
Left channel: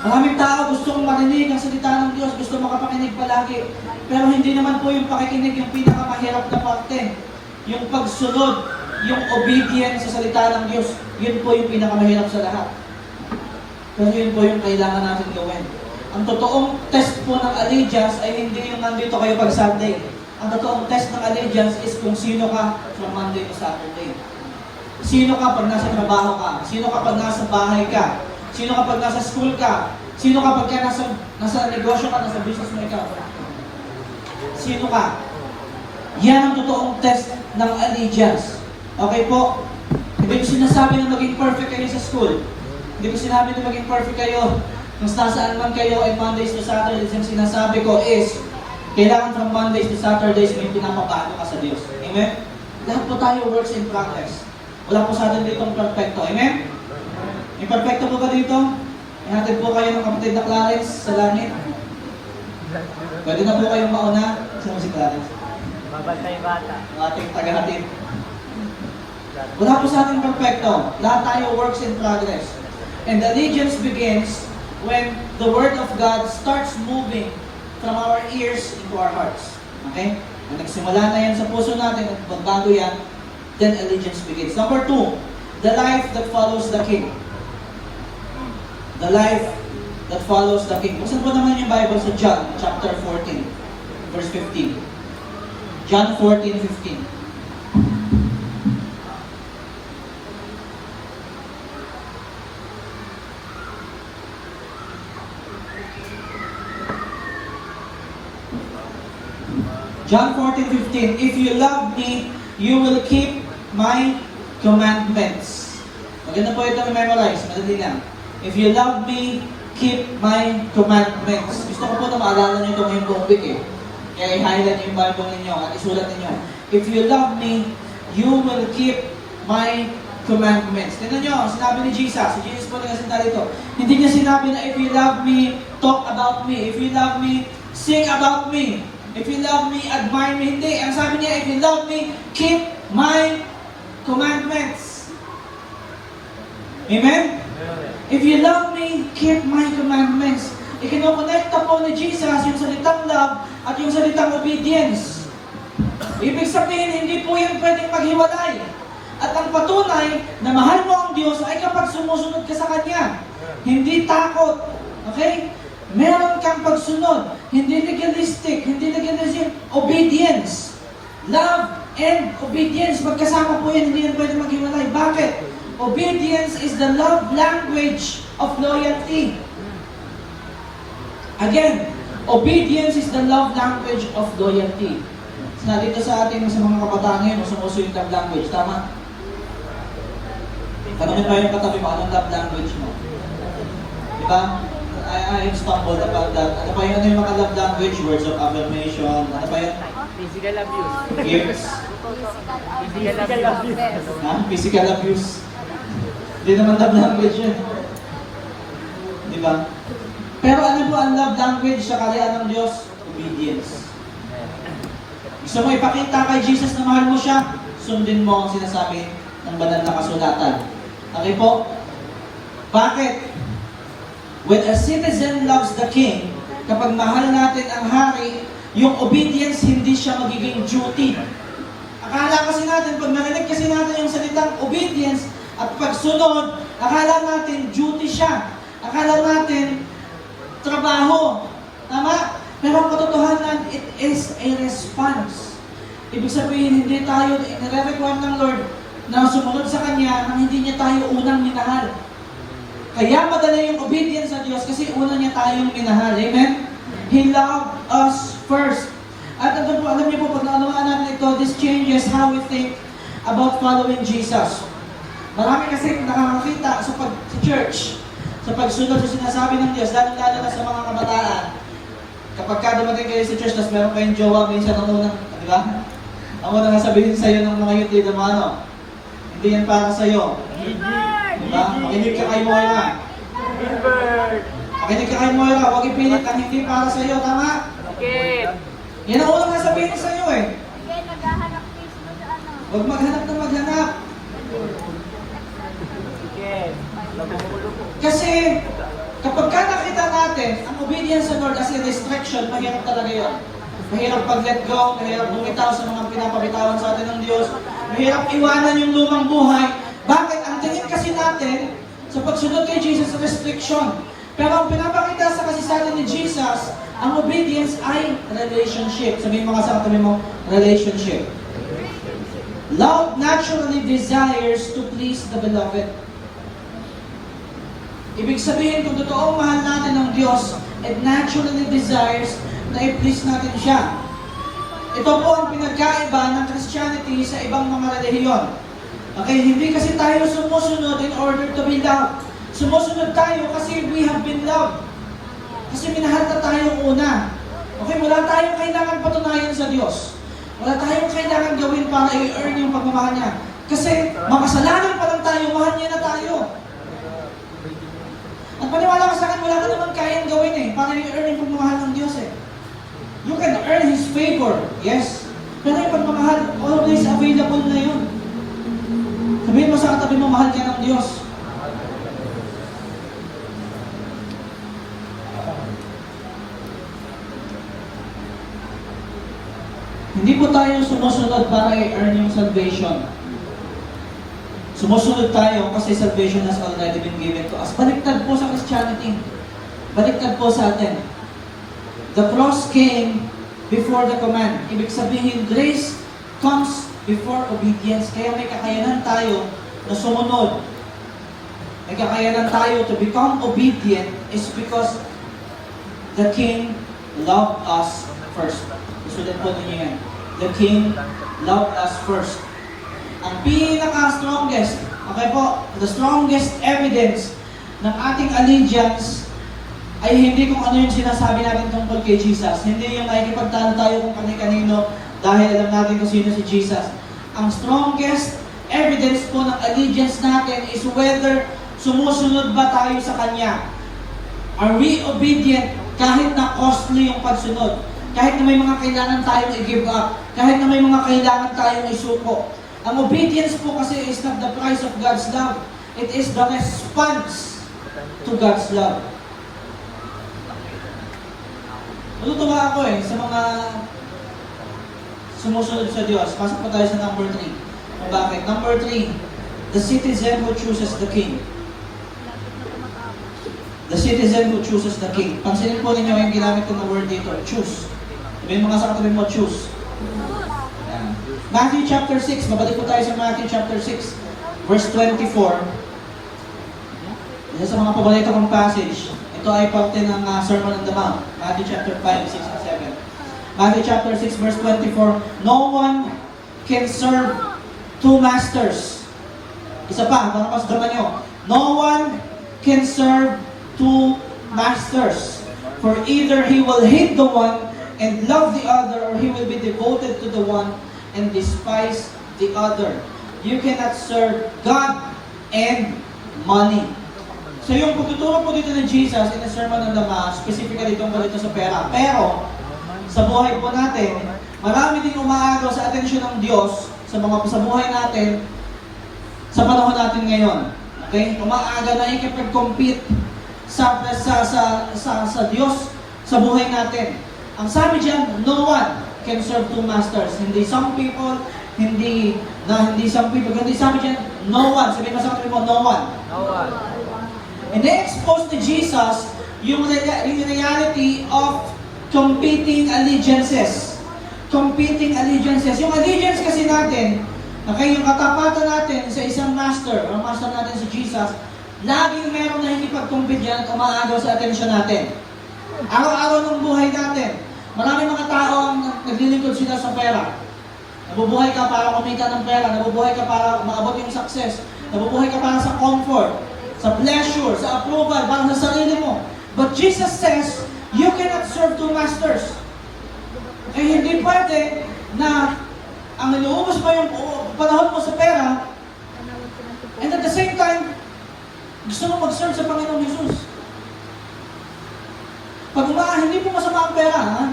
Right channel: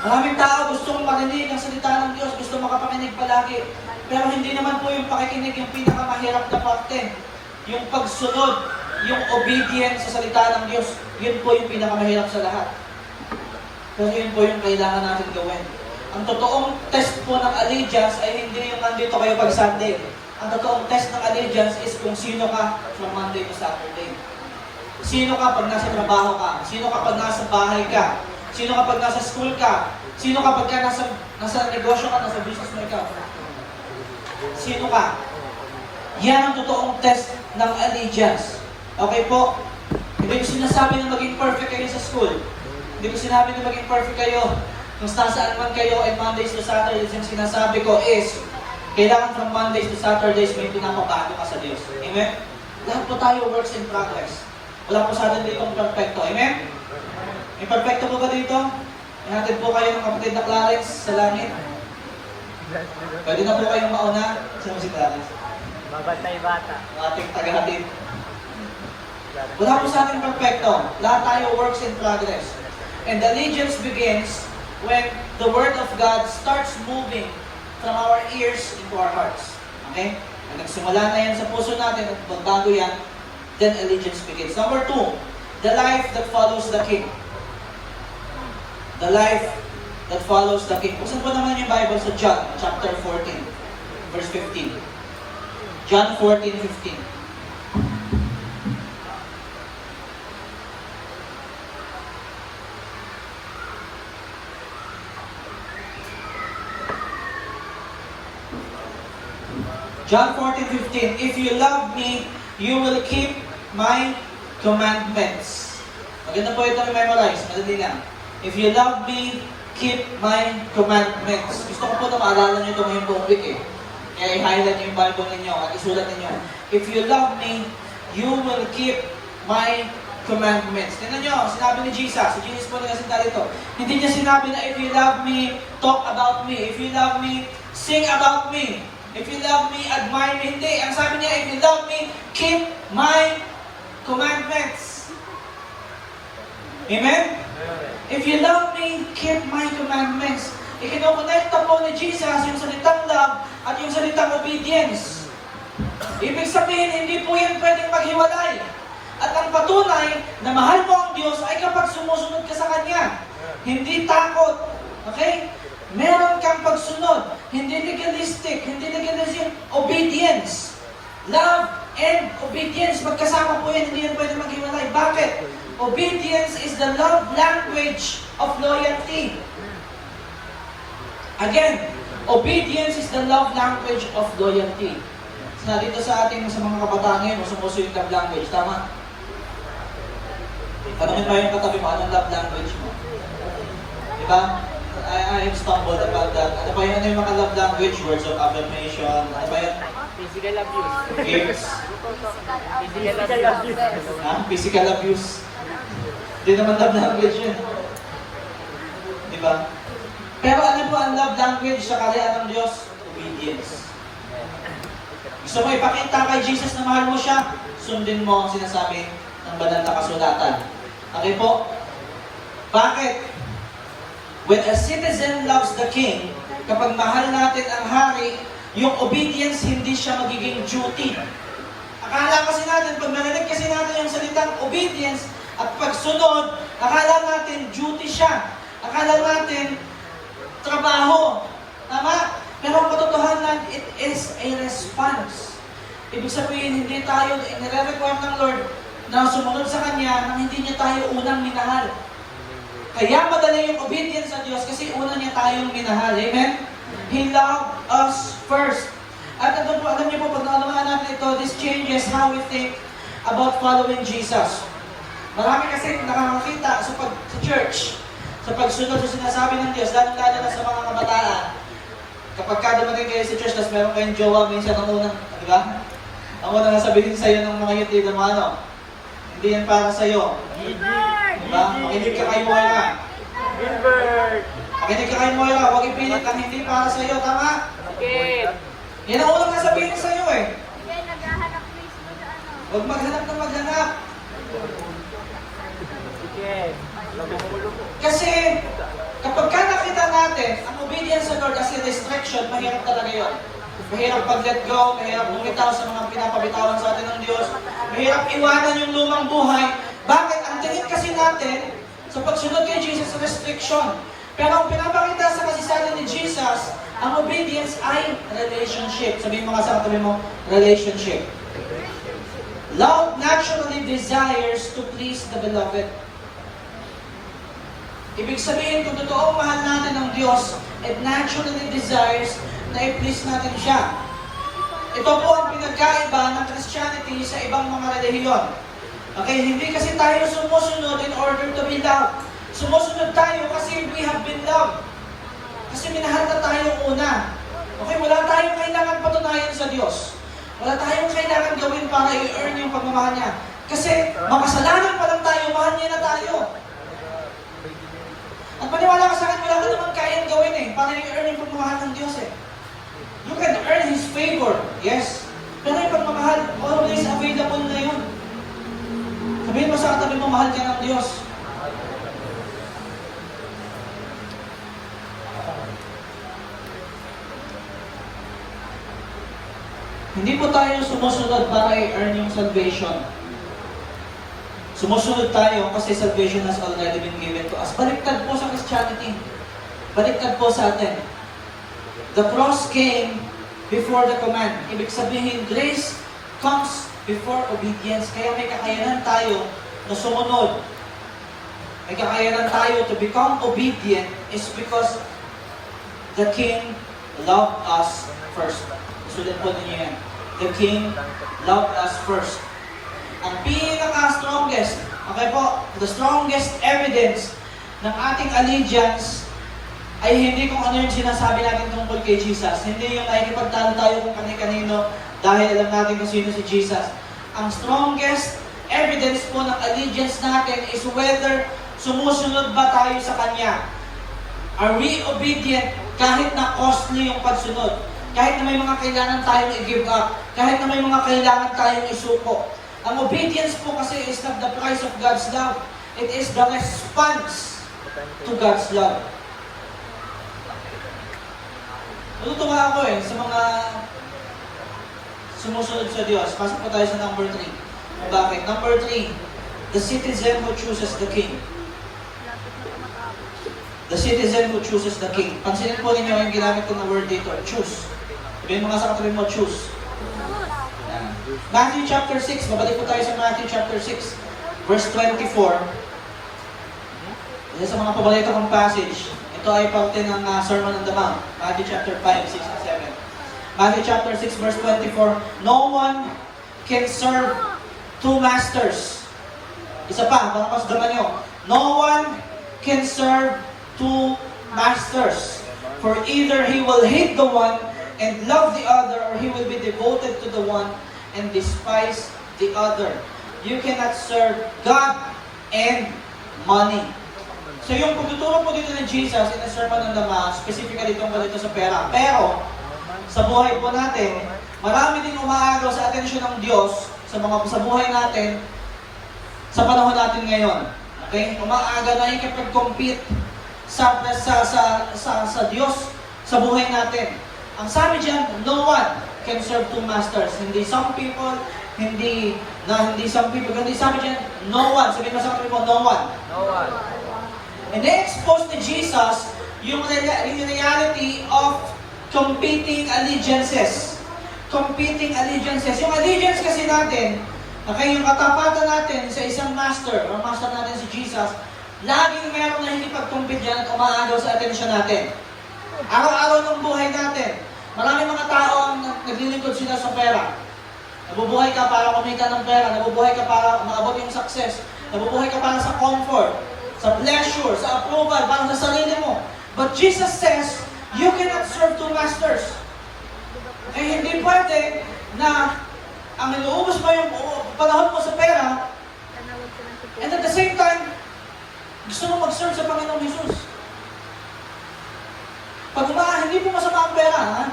Maraming tao gustong marinig ang salita ng Diyos, gusto makapakinig palagi. Pero hindi naman po yung pakikinig yung pinakamahirap na parte. Yung pagsunod, yung obedience sa salita ng Diyos, yun po yung pinakamahirap sa lahat. Pero yun po yung kailangan natin gawin. Ang totoong test po ng allegiance ay hindi yung nandito kayo pag Sunday. Ang totoong test ng allegiance is kung sino ka from Monday to Saturday. Sino ka pag nasa trabaho ka? Sino ka pag nasa bahay ka? Sino ka pag nasa school ka? Sino ka pag nasa negosyo ka, nasa business mo ka? Sino ka? Yan ang totoong test ng allegiance. Okay po? Hindi ko sinasabi na maging perfect kayo sa school. Hindi ko sinabi na maging perfect kayo kung saan man kayo ay Mondays to Saturdays. Ang sinasabi ko is, kailangan from Mondays to Saturdays may pinapabago ka sa Diyos. Amen? Lahat po tayo works in progress. Wala po sa atin dito ang perfecto. Amen? May perfecto po ka dito? Natin po kayo ng kapatid na Clarence sa langit. Pwede na po kayong mauna. Sino si Clarence? Ating taga-hatid. Wala po sa ating perfecto. Lahat tayo works in progress. And allegiance begins when the Word of God starts moving from our ears into our hearts. Okay? Kung nagsimula na yan sa puso natin at magbago yan, then allegiance begins. Number 2, the life that follows the King. The life that follows the King. Buksan po naman yung Bible sa John, chapter 14, verse 15. John 14:15. John 14:15. If you love me, you will keep my commandments. Maganda po ito memorize. Nalili lang. If you love me, keep my commandments. Gusto ko po na maalala nyo ito ngayong buong week eh. Kaya i-highlight yung Bible ninyo, isulat ninyo. If you love me, you will keep my commandments. Tignan nyo, sinabi ni Jesus. Si Jesus po nagkasinta dito. Hindi niya sinabi na if you love me, talk about me. If you love me, sing about me. If you love me, admire me. Hindi. Ang sabi niya, if you love me, keep my commandments. Amen? If you love me, keep my commandments. Ikinukonekta po ni Jesus yung salitang love at yung salitang obedience. Ibig sabihin, hindi po yan pwedeng maghiwalay. At ang patunay na mahal mo ang Diyos ay kapag sumusunod ka sa Kanya. Hindi takot. Okay? Meron kang pagsunod. Hindi legalistic. Hindi legalistic. Obedience. Love and obedience. Magkasama po yan. Hindi yan pwedeng maghiwalay. Bakit? Obedience is the love language of loyalty. Again, obedience is the love language of loyalty. Sinabi ito sa atin sa mga kabataan ngayon, sumuso yung love language. Tama? Tanungin mo yung katabi mo, anong love language mo? Diba? I stumbled upon that. Ano pa yun yung mga love language? Words of affirmation. Ano pa yun? Physical abuse. Gifts. Physical abuse. Physical abuse. Hindi naman love language yun. Diba? Pero ano po ang love language sa kaharian ng Diyos? Obedience. Gusto mo ipakita kay Jesus na mahal mo siya? Sundin mo ang sinasabi ng banal na kasulatan. Okay po? Bakit? When a citizen loves the king, kapag mahal natin ang hari, yung obedience hindi siya magiging duty. Akala kasi natin, pag narinig kasi natin yung salitang obedience at pagsunod, akala natin duty siya. Akala natin trabaho. Tama? Pero ang katotohanan, it is a response. Ibig sabihin, hindi tayo nire-require ng Lord na sumunod sa Kanya nang hindi niya tayo unang minahal. Kaya madali yung obedience sa Diyos kasi una niya tayong minahal. Amen? He loved us first. At alam niyo po, pag naalamaan natin ito, this changes how we think about following Jesus. Marami kasi nakakakita sa church, sa pagsunod sa sinasabi ng Diyos, lalo na sa mga kabataan. Kapag ka dumating kayo sa church, tapos meron kayong jowa, minsan ang unang, di ba? Ang unang sabihin sa'yo ng mga yuti, ano? Hindi yan para sa'yo. Di ba? Makinig ka kay Moira. Makinig ka kay Moira, huwag ipilit ang hindi para sa'yo, tama? Okay. Yan ang unang sabihin sa'yo eh. Huwag maghanap na maghanap. Kasi, kapag ka nakita natin, ang obedience sa Lord as a distraction, mahirap talaga yun. Mahirap pag-let go, mahirap bumitaw sa mga pinapabitawan sa atin ng Diyos, mahirap iwanan yung lumang buhay. Bakit? Ang tingin kasi natin, sa pagsunod kay Jesus, restriction. Pero ang pinapakita sa kasalanan ni Jesus, ang obedience ay relationship. Sabihin mo kasama kami mo, relationship. Love naturally desires to please the beloved. Ibig sabihin, kung totoong mahal natin ng Diyos, it naturally desires na i-please natin siya. Ito po ang pinagkaiba ng Christianity sa ibang mga relihiyon. Okay, hindi kasi tayo sumusunod in order to be loved. Sumusunod tayo kasi we have been loved. Kasi minahal na tayong una. Okay, wala tayong kailangan patunayan sa Diyos. Wala tayong kailangan gawin para i-earn yung pagmamahal niya. Kasi makasalanan pa lang tayo, mahal niya na tayo. At paniwala ko sa akin, wala ka naman kayang gawin eh, para i-earn yung pagmamahal ng Diyos eh. You can earn His favor, yes. Pero yung pagmamahal, always available na yun. Sabihin mo sa katabi mo, mahal ka ng Diyos. Hindi po tayo sumusunod para i-earn yung salvation. Sumusunod tayo kasi salvation has already been given to us. Baliktad po sa Christianity. Baliktad po sa atin. The cross came before the command. Ibig sabihin, grace comes before obedience. Kaya may kakayanan tayo na sumunod. May kakayanan tayo to become obedient is because the King loved us first. Sulat po ninyo yan. The King loved us first. Ang pinaka-strongest, okay po, the strongest evidence ng ating allegiance ay hindi kung ano yung sinasabi natin tungkol kay Jesus. Hindi yung nakikipagtalo tayo kung kani-kanino dahil alam natin kung sino si Jesus. Ang strongest evidence po ng allegiance natin is whether sumusunod ba tayo sa Kanya. Are we obedient kahit na costly yung pagsunod? Kahit na may mga kailangan tayong i-give up, kahit na may mga kailangan tayong isuko. Ang obedience po kasi is not the price of God's love. It is the response to God's love. Natutuwa ako sa mga sumusunod sa Diyos. Pasok po tayo sa number 3. Kung bakit? Number 3, the citizen who chooses the king. The citizen who chooses the king. Pansinin po ninyo yung ginamit ng word dito, choose. May mga sakatabi mo, choose. Matthew chapter 6, mabalik po tayo sa Matthew chapter 6, verse 24. Isa sa mga paborito kong passage. Ito ay parte ng Sermon on the Mount. Matthew chapter 5, 6 to 7. Matthew chapter 6, verse 24. No one can serve two masters. Isa pa, mga pasdaman nyo. No one can serve two masters. For either he will hate the one and love the other, or he will be devoted to the one and despise the other. You cannot serve God and money. So yung pagtuturo po dito ni Jesus in the Sermon on the Mount, specifically tungkol ito sa pera. Pero, sa buhay po natin, marami din umaagaw sa atensyon ng Diyos sa buhay natin, sa panahon natin ngayon. Okay? Umaagaw na ikipag-compete sa Diyos sa buhay natin. Ang sabi diyan, no one can serve two masters. Hindi some people, hindi some people. Kundi sabi diyan, no one. Sabi ba sa mo, no one. And na-expose ni Jesus yung reality of competing allegiances. Competing allegiances. Yung allegiance kasi natin, okay, yung katapatan natin sa isang master, ang master natin si Jesus, laging meron na ikipag-compete dyan at umaagaw sa atensyon natin. Araw-araw ng buhay natin, maraming mga tao ang naglilingkod sila sa pera. Nabubuhay ka para kumita ng pera, nabubuhay ka para maabot yung success, nabubuhay ka para sa comfort, sa pleasure, sa approval, para sa sarili mo. But Jesus says, you cannot serve two masters. Eh hindi pwede na ang iluubos mo yung panahon mo sa pera, and at the same time, gusto mo mag-serve sa Panginoong Jesus. Pag hindi mo masama ang pera, ha?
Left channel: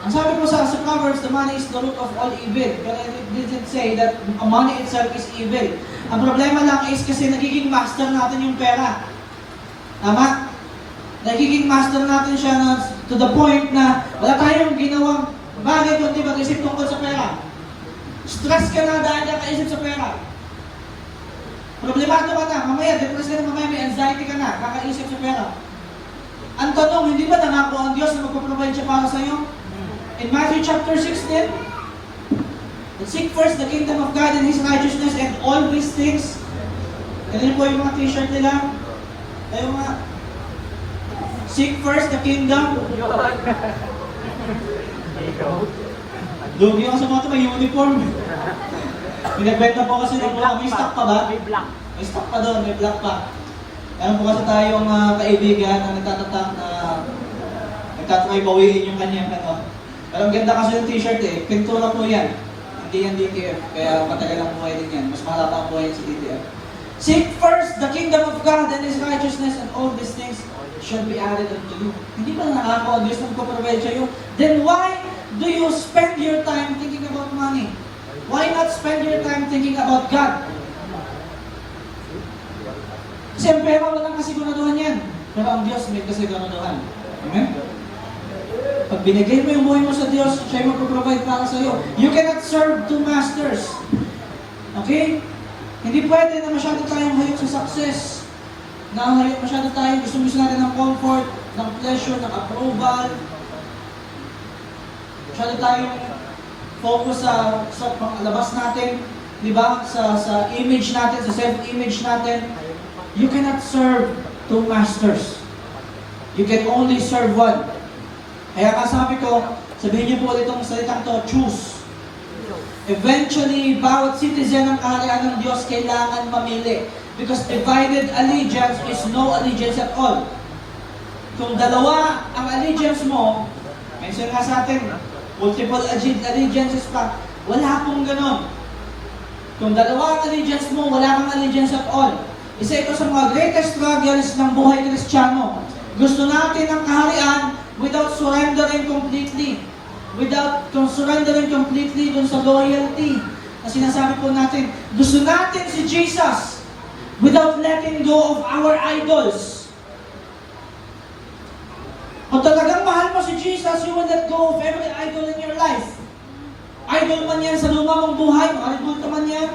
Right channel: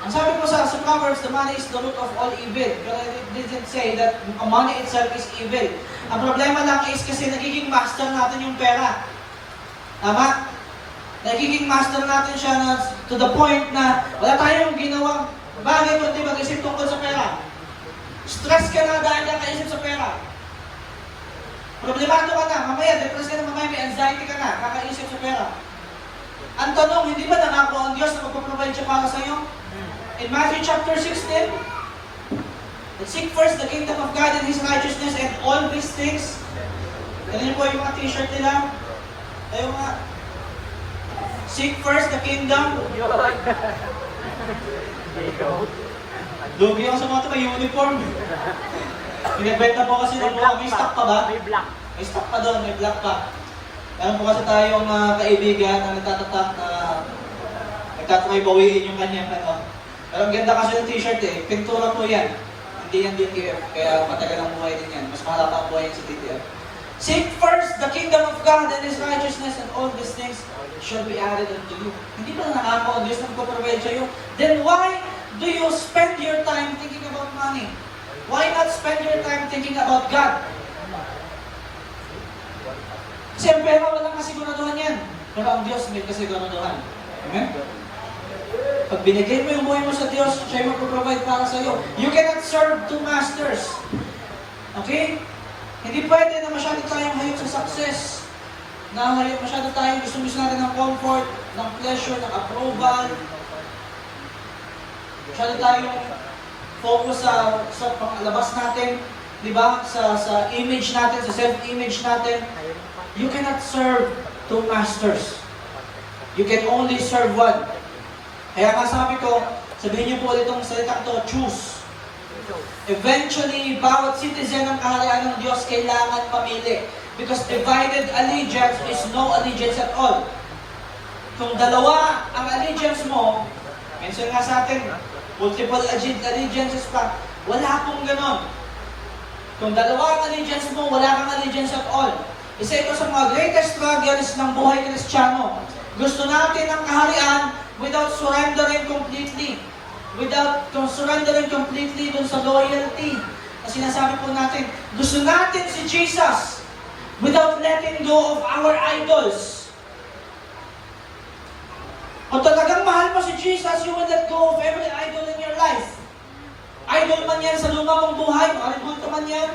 Ang sabi ko sa Proverbs, the money is the root of all evil. But it didn't say that money itself is evil. Ang problema lang is kasi nagiging master natin yung pera. Tama? Nagiging master natin siya to the point na wala tayong ginawang bagay kundi mag-isip tungkol sa pera. Stress ka na dahil nakaisip sa pera. Problemado ka na, mamaya, depressed ka na, mamaya may anxiety ka na, kakaisip sa pera. Ang tanong, hindi ba nangako ang Diyos na magpaprovide siya para sa iyo? In Matthew chapter 16, seek first the kingdom of God and His righteousness and all these things. Yan po yung mga t-shirt nila. Tayo nga. Seek first the kingdom. Lugi ako sa mga may uniform. Pinagbenta po kasi ng black. May stock pa ba? May stock pa doon, may black pa. Meron po kasi tayong kaibigan na nagtatatak na may bawiin yung kanya. Pero ang ganda kasi ng t-shirt eh. Pintura po yan. Hindi yan DTF. Kaya matagal akong kumain yan. Mas mahal ang kumain sa DTF. Seek first the kingdom of God and His righteousness and all these things shall be added unto you. Hindi ba nangako ang Diyos na magpaprovide sa iyo? Then why do you spend your time thinking about money? Why not spend your time thinking about God? Siyempre, wala kang kasiguraduhan yan. Pero ang Diyos may kasiguraduhan. Amen? Pag binigay mo yung buhay mo sa Diyos, siya yung mag-provide para sa iyo. You cannot serve two masters. Okay? Hindi pwede na masyado tayong halik sa success. Nakahalik masyado tayo, gusto natin ng comfort, ng pleasure, ng approval. Masyado tayong focus sa panglabas natin, di ba? Sa image natin, sa self-image natin. You cannot serve two masters. You can only serve one. Kaya kasabi ko, sabihin niyo po itong salitang to, choose. Eventually, bawat citizen ng kaharian ng Diyos kailangan mamili. Because divided allegiance is no allegiance at all. Kung dalawa ang allegiance mo, mention nga sa atin, multiple allegiances pa, wala pong ganon. Kung dalawa ang allegiance mo, wala kang allegiance at all. Isa ito sa mga greatest struggles ng buhay Kristiyano. Gusto natin ang kaharian without surrendering completely. Without surrendering completely dun sa loyalty. Kasi sinasabi po natin, gusto natin si Jesus without letting go of our idols. Kung talagang mahal mo si Jesus, you will let go of every idol in your life. Idol man yan sa loob mong buhay, idol man yan,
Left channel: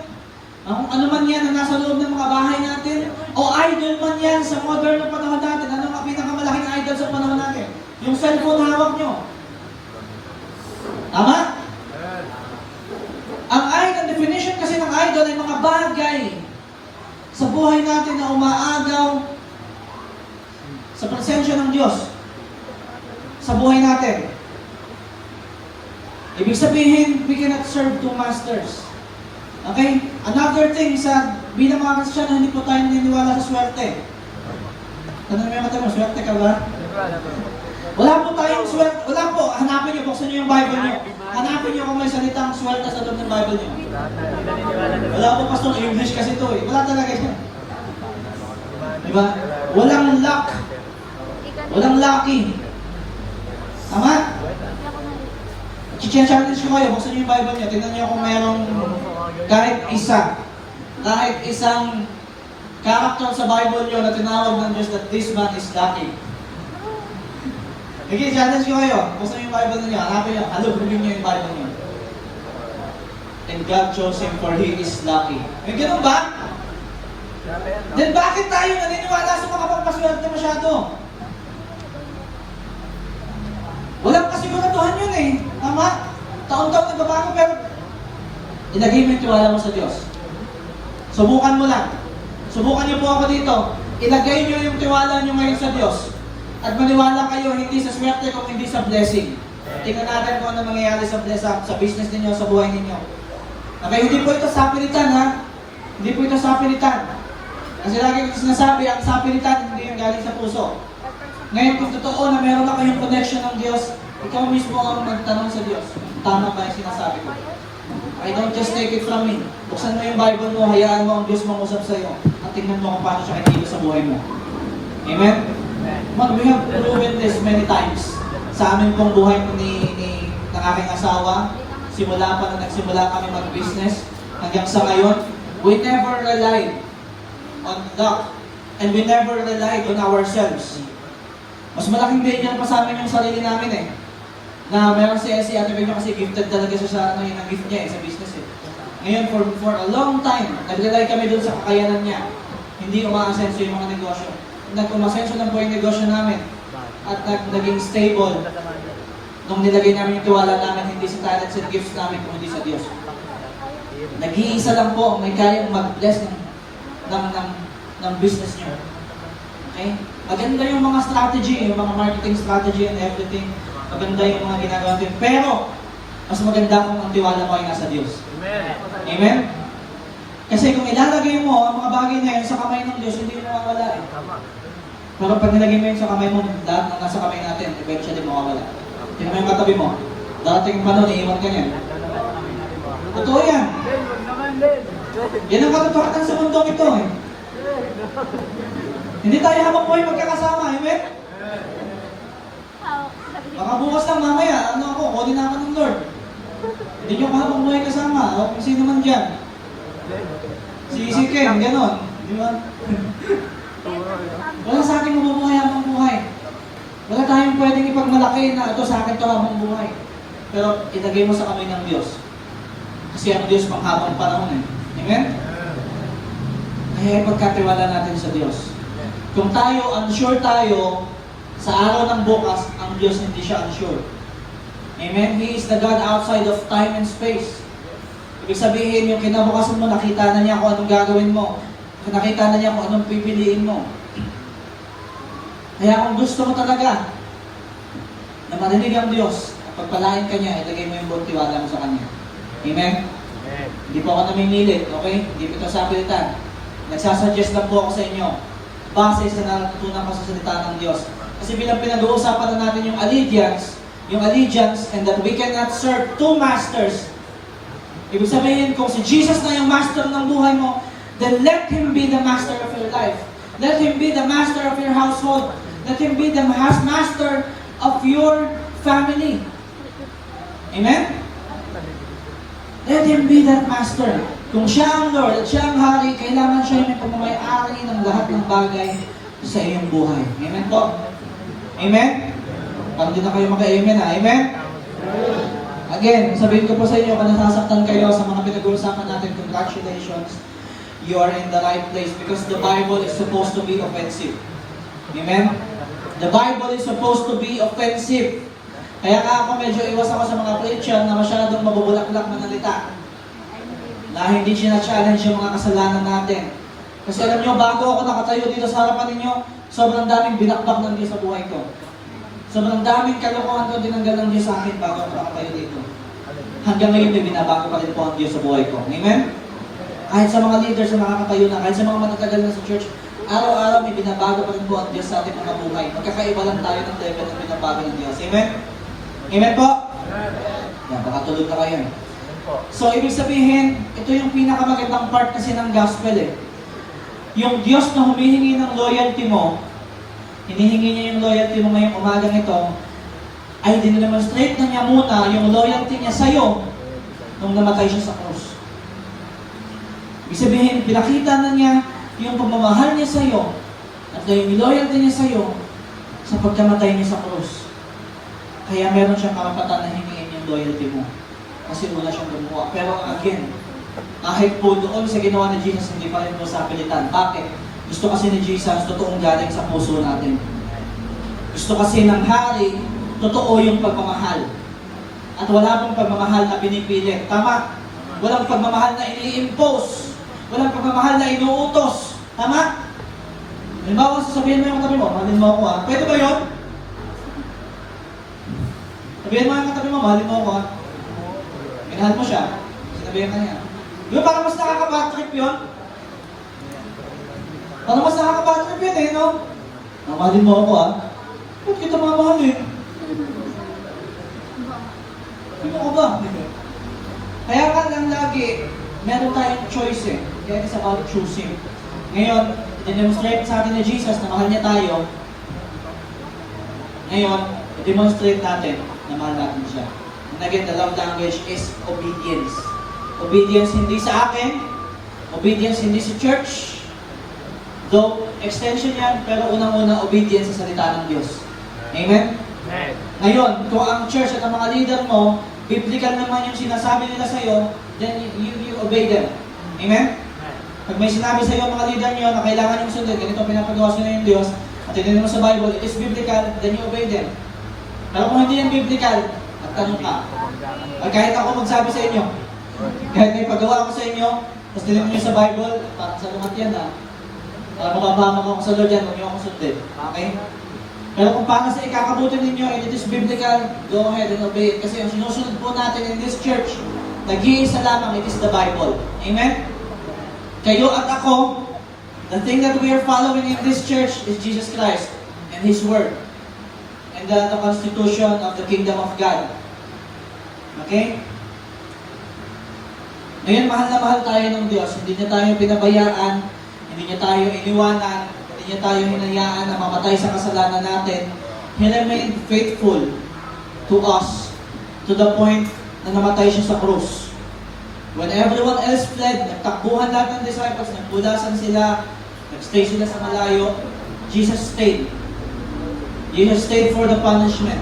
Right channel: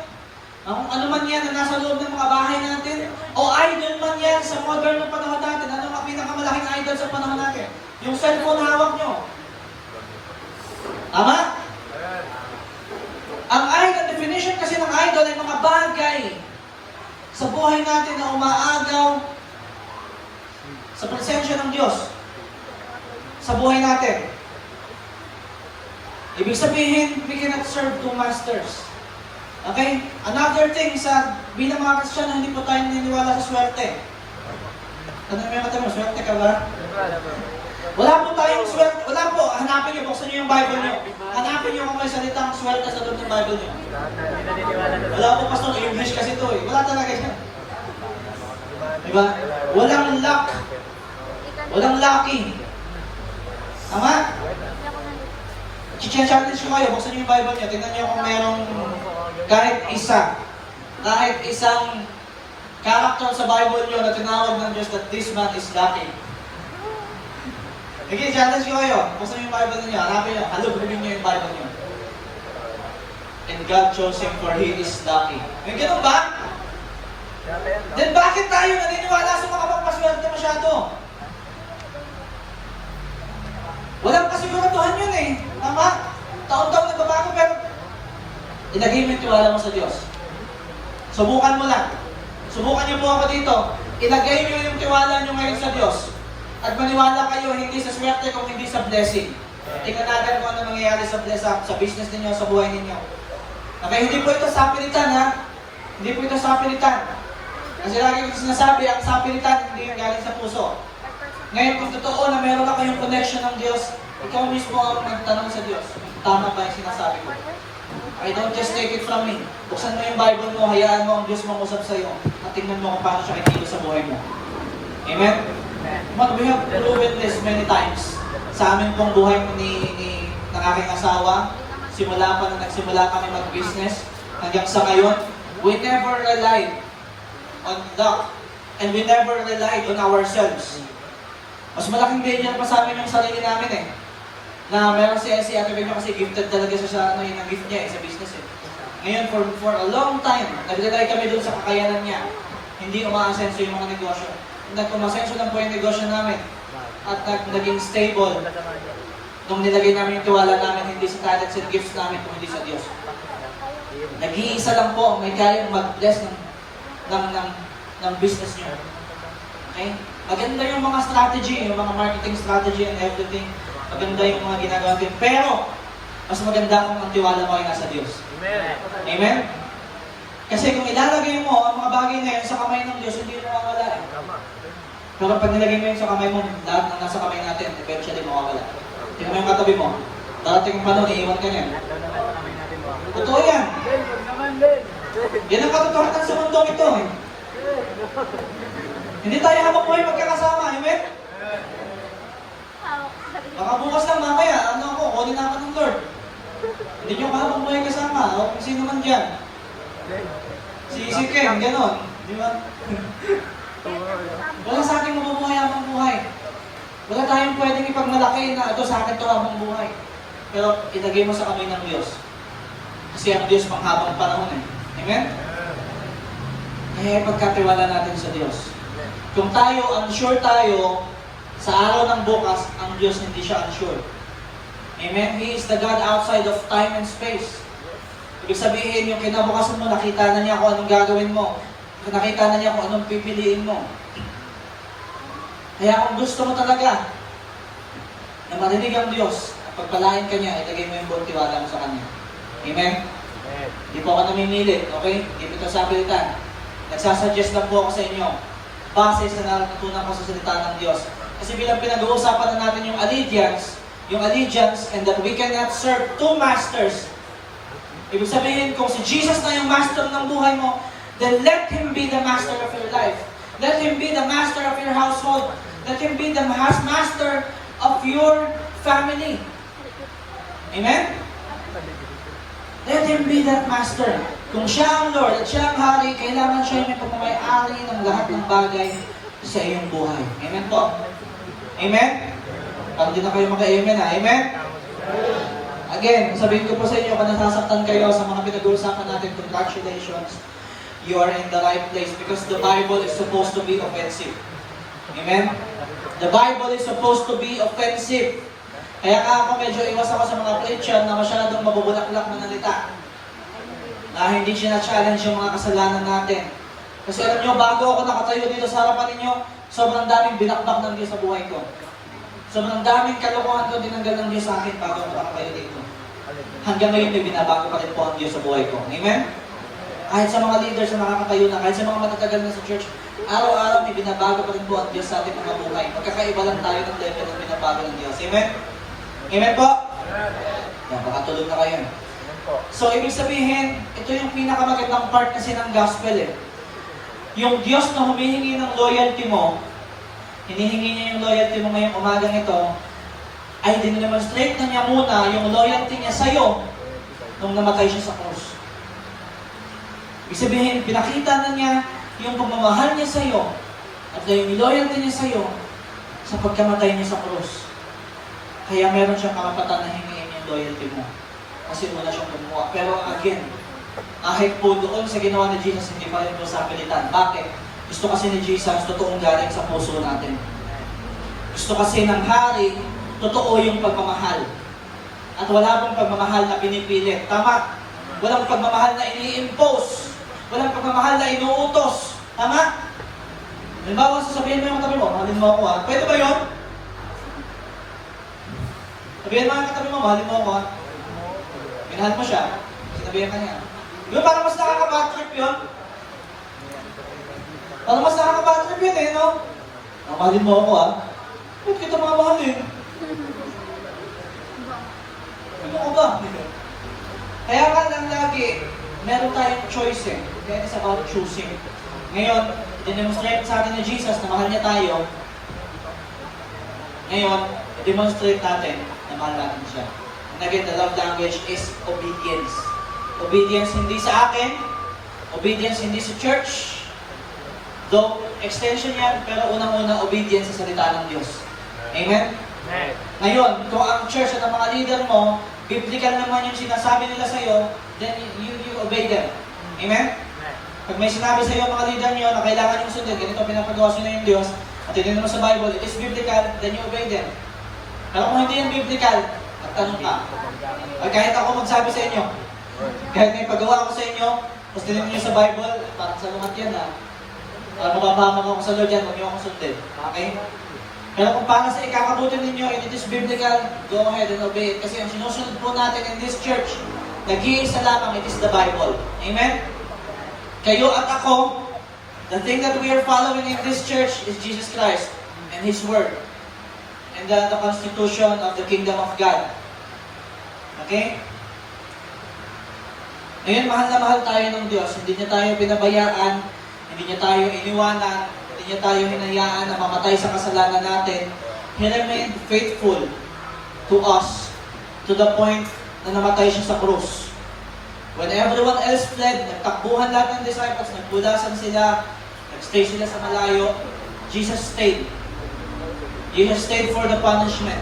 ano man yan na nasa loob ng mga bahay natin, o idol man yan sa modern na panahon natin, ano ang pinakamalaking idol sa panahon natin? Yung cellphone na hawak nyo. Tama? Ang definition kasi ng idol ay mga bagay sa buhay natin na umaagaw sa presensya ng Diyos sa buhay natin. Ibig sabihin, we cannot serve two masters. Okay? Another thing, bilang mga Kristiyano, hindi po tayo naniniwala sa swerte. Tanong mo yung matanong, swerte ka ba? Wala po tayong swerte. Wala po. Hanapin niyo, buksan niyo yung Bible niyo. Hanapin niyo kung may salitang swerte sa loob ng Bible niyo. Wala po, pastor, English kasi ito eh. Wala talaga yan. Diba? Walang luck. Walang lucky. Tama? Challenge ko kayo, buksan niyo yung Bible niyo, tingnan niyo kung mayroong kahit isang character sa Bible niyo na tinawag ng Diyos that this man is lucky. Sige, challenge ko kayo, buksan niyo yung Bible niyo, hanapin niyo, halugin niyo yung Bible niyo. And God chose him for he is lucky. May ganun ba? Then bakit tayo naniniwala sa mga pagpaswerte masyado? Walang kasiguraduhan yun eh. Tama? Taon-taon nagbabago pero ilagay mo yung tiwala mo sa Diyos. Subukan mo lang. Subukan niyo po ako dito. Ilagay niyo yung tiwala niyo ngayon sa Diyos. At maniwala kayo hindi sa swerte kung hindi sa blessing. Tingnan natin kung ano mangyayari sa business ninyo, sa buhay ninyo. Okay, hindi po ito sapilitan ha. Hindi po ito sapilitan. Kasi lagi ko sinasabi, ang sapilitan hindi yung galing sa puso. Ngayon, kung totoo na meron na kayong connection ng Diyos, ikaw mismo ang magtanong sa Diyos. Tama ba yung sinasabi ko? I don't just take it from me. Buksan mo yung Bible mo, hayaan mo ang Diyos mangusap sa iyo. At tingnan mo kung paano siya itinyo sa buhay mo. Amen? We have proven this many times. Sa amin pong buhay ng aking asawa, simula pa na nagsimula kami mag-business, hanggang sa ngayon, we never relied on luck. And we never relied on ourselves. Mas malaking ganyan pa sa amin yung sarili namin eh. Na meron si Ate Bea kasi gifted talaga siya sa gift niya sa business eh. Ngayon, for a long time, nag-rely kami doon sa kakayanan niya. Hindi umaasenso yung mga negosyo. Nag-umasenso lang po yung negosyo namin. At naging stable. Nung nilagay namin yung tiwala namin, hindi sa talents and gifts namin, kundi sa Diyos. Nag-iisa lang po, may kayang mag-bless ng business niyo. Okay? Maganda yung mga strategy, yung mga marketing strategy and everything. Maganda yung mga ginagawa natin. Pero, mas maganda kung ang tiwala mo ay nasa Diyos. Amen? Kasi kung ilalagay mo ang mga bagay na yan sa kamay ng Diyos, hindi mo mawala eh. Pero pag nilagay mo yun sa kamay mo, lahat na nasa kamay natin, eventually mawawala. Tingnan mo yung katabi mo. Dating panon, iiwan ka niya. Totoo yan. Yan ang katotohanan sa mundong ito eh. Hindi tayo habang buhay magkakasama, amen? Baka bukas lang mamaya, kunin na ako ng Lord. Hindi nyo habang buhay kasama, o kung sino man dyan. Si Ken, gano'n. Di ba? Wala sa akin mabubuhay habang buhay. Wala tayong pwedeng ipagmalaki na ito sa akin pala habang buhay. Pero ilagay mo sa kamay ng Diyos. Kasi ang Diyos panghabang panahon eh. Amen? Kaya pagkatiwala natin sa Diyos. Kung unsure tayo, sa araw ng bukas, ang Diyos hindi siya unsure. Amen? He is the God outside of time and space. Ibig sabihin, yung kinabukasan mo, nakita na niya kung anong gagawin mo. Nakita na niya kung anong pipiliin mo. Kaya kung gusto mo talaga na marinig ang Diyos, pagpalain ka niya, ilagay mo yung buong tiwala mo sa Kanya. Amen? Hindi po ako namimilit, okay? Hindi po ito sa pilitan. Nagsasuggest lang po ako sa inyo base sa natutunan ko sa salita ng Diyos. Kasi bilang pinag-uusapan na natin yung allegiance, and that we cannot serve two masters. Ibig sabihin, kung si Jesus na yung master ng buhay mo, then let Him be the master of your life. Let Him be the master of your household. Let Him be the master of your family. Amen? Let Him be that master. Kung siya ang Lord at siya ang Hari, kailangan siya yung may pagmamay-ari ng lahat ng bagay sa iyong buhay. Amen po? Amen? Tawag din na kayo mag-amen ha? Amen? Again, sabihin ko po sa inyo, kung nasasaktan kayo sa mga pinag-uusapan natin, congratulations, you are in the right place because the Bible is supposed to be offensive. Amen? The Bible is supposed to be offensive. Kaya ako medyo iwas ako sa mga preacher na masyadong mabubulak-bulak na nalita. Na hindi sina-challenge yung mga kasalanan natin. Kasi alam nyo, bago ako nakatayo dito sa harapan ninyo, sobrang daming binakbak ng Diyos sa buhay ko. Sobrang daming kalokohan na binanggal ng Diyos sa akin bago ako nakatayo dito. Hanggang ngayon may binabago pa rin po ang Diyos sa buhay ko. Amen? Kahit sa mga leaders na nakakatayo na, kahit sa mga matatagal na sa church, araw-araw may binabago pa rin po ang Diyos sa ating mga buhay. Magkakaiba lang tayo ng level ng binabago ng Diyos. Amen? Amen po? Makatulog na kayo. So, ibig sabihin, ito yung pinakamagandang part kasi ng gospel eh. Yung Diyos na humihingi ng loyalty mo, hinihingi niya yung loyalty mo ngayong umaga nito, ay din-demonstrate na niya muna yung loyalty niya sa'yo nung namatay siya sa krus. Ibig sabihin, pinakita na niya yung pagmamahal niya sa'yo at yung loyalty niya sa'yo sa pagkamatay niya sa krus. Kaya meron siyang karapatan na hingin yung loyalty mo. Kasi wala siyang gumawa. Pero again, kahit po doon sa ginawa ni Jesus, hindi pa rin mo sa pilitan. Bakit? Gusto kasi ni Jesus, totoong galing sa puso natin. Gusto kasi ng hari, totoo yung pagmamahal. At wala pong pagmamahal na pinipilit. Tama? Walang pagmamahal na i-impose. Walang pagmamahal na inuutos. Tama? Halimbawa, sasabihin mo yung katabi mo, mahalin mo ako ha. Pwede ba yun? Sabihin mo yung katabi mo, mahalin mo ako ha. Minahal mo siya, sasabihin ka niya. Yung parang mas nakaka-backtrip yun. Parang mas nakaka-backtrip yun eh, no? Mahalin mo ako ha. Ba't kita mga mahal eh? Ano ko ba? Kaya ka lang lagi, meron tayong choice eh. Then it's about choosing. Ngayon, i-demonstrate sa atin ni Jesus na mahal niya tayo. Ngayon, i-demonstrate natin na mahal natin siya. And again, the love language is obedience. Obedience hindi sa akin, obedience hindi sa church. Though, extension yan, pero unang-una, obedience sa salita ng Diyos. Amen? Ngayon, kung ang church at ang mga leader mo, biblical naman yung sinasabi nila sa iyo, then you obey them. Amen? Pag may sinabi sa iyo mga leader nyo na kailangan yung sundin, ganito pinapagawa sa inyo yung Diyos, at tinignan mo sa Bible, it is biblical, then you obey them. Pero kung hindi yung biblical, nagtanong ka. At kahit ako magsabi sa inyo, kahit may pagawa ko sa inyo, tapos tinignan nyo sa Bible, parang sa lumat yan ha. Parang mukha mo sa Lord yan, huwag nyo akong sundin. Okay? Pero kung paano sa ikakabuti ninyo, and it is biblical, go ahead and obey it. Kasi ang sinusunod po natin in this church, nag-iisa lamang, it is the Bible. Amen? Kayo at ako, the thing that we are following in this church is Jesus Christ and His Word. And the constitution of the kingdom of God. Okay? Ngayon, mahal na mahal tayo ng Diyos. Hindi niya tayo pinabayaan, hindi niya tayo iniwanan, hindi niya tayo hinayaan na mamatay sa kasalanan natin. He remained faithful to us to the point na namatay siya sa krus. When everyone else fled, nagtakbuhan lahat ng disciples, nagbulasan sila, nagstay sila sa malayo, Jesus stayed. Jesus stayed for the punishment.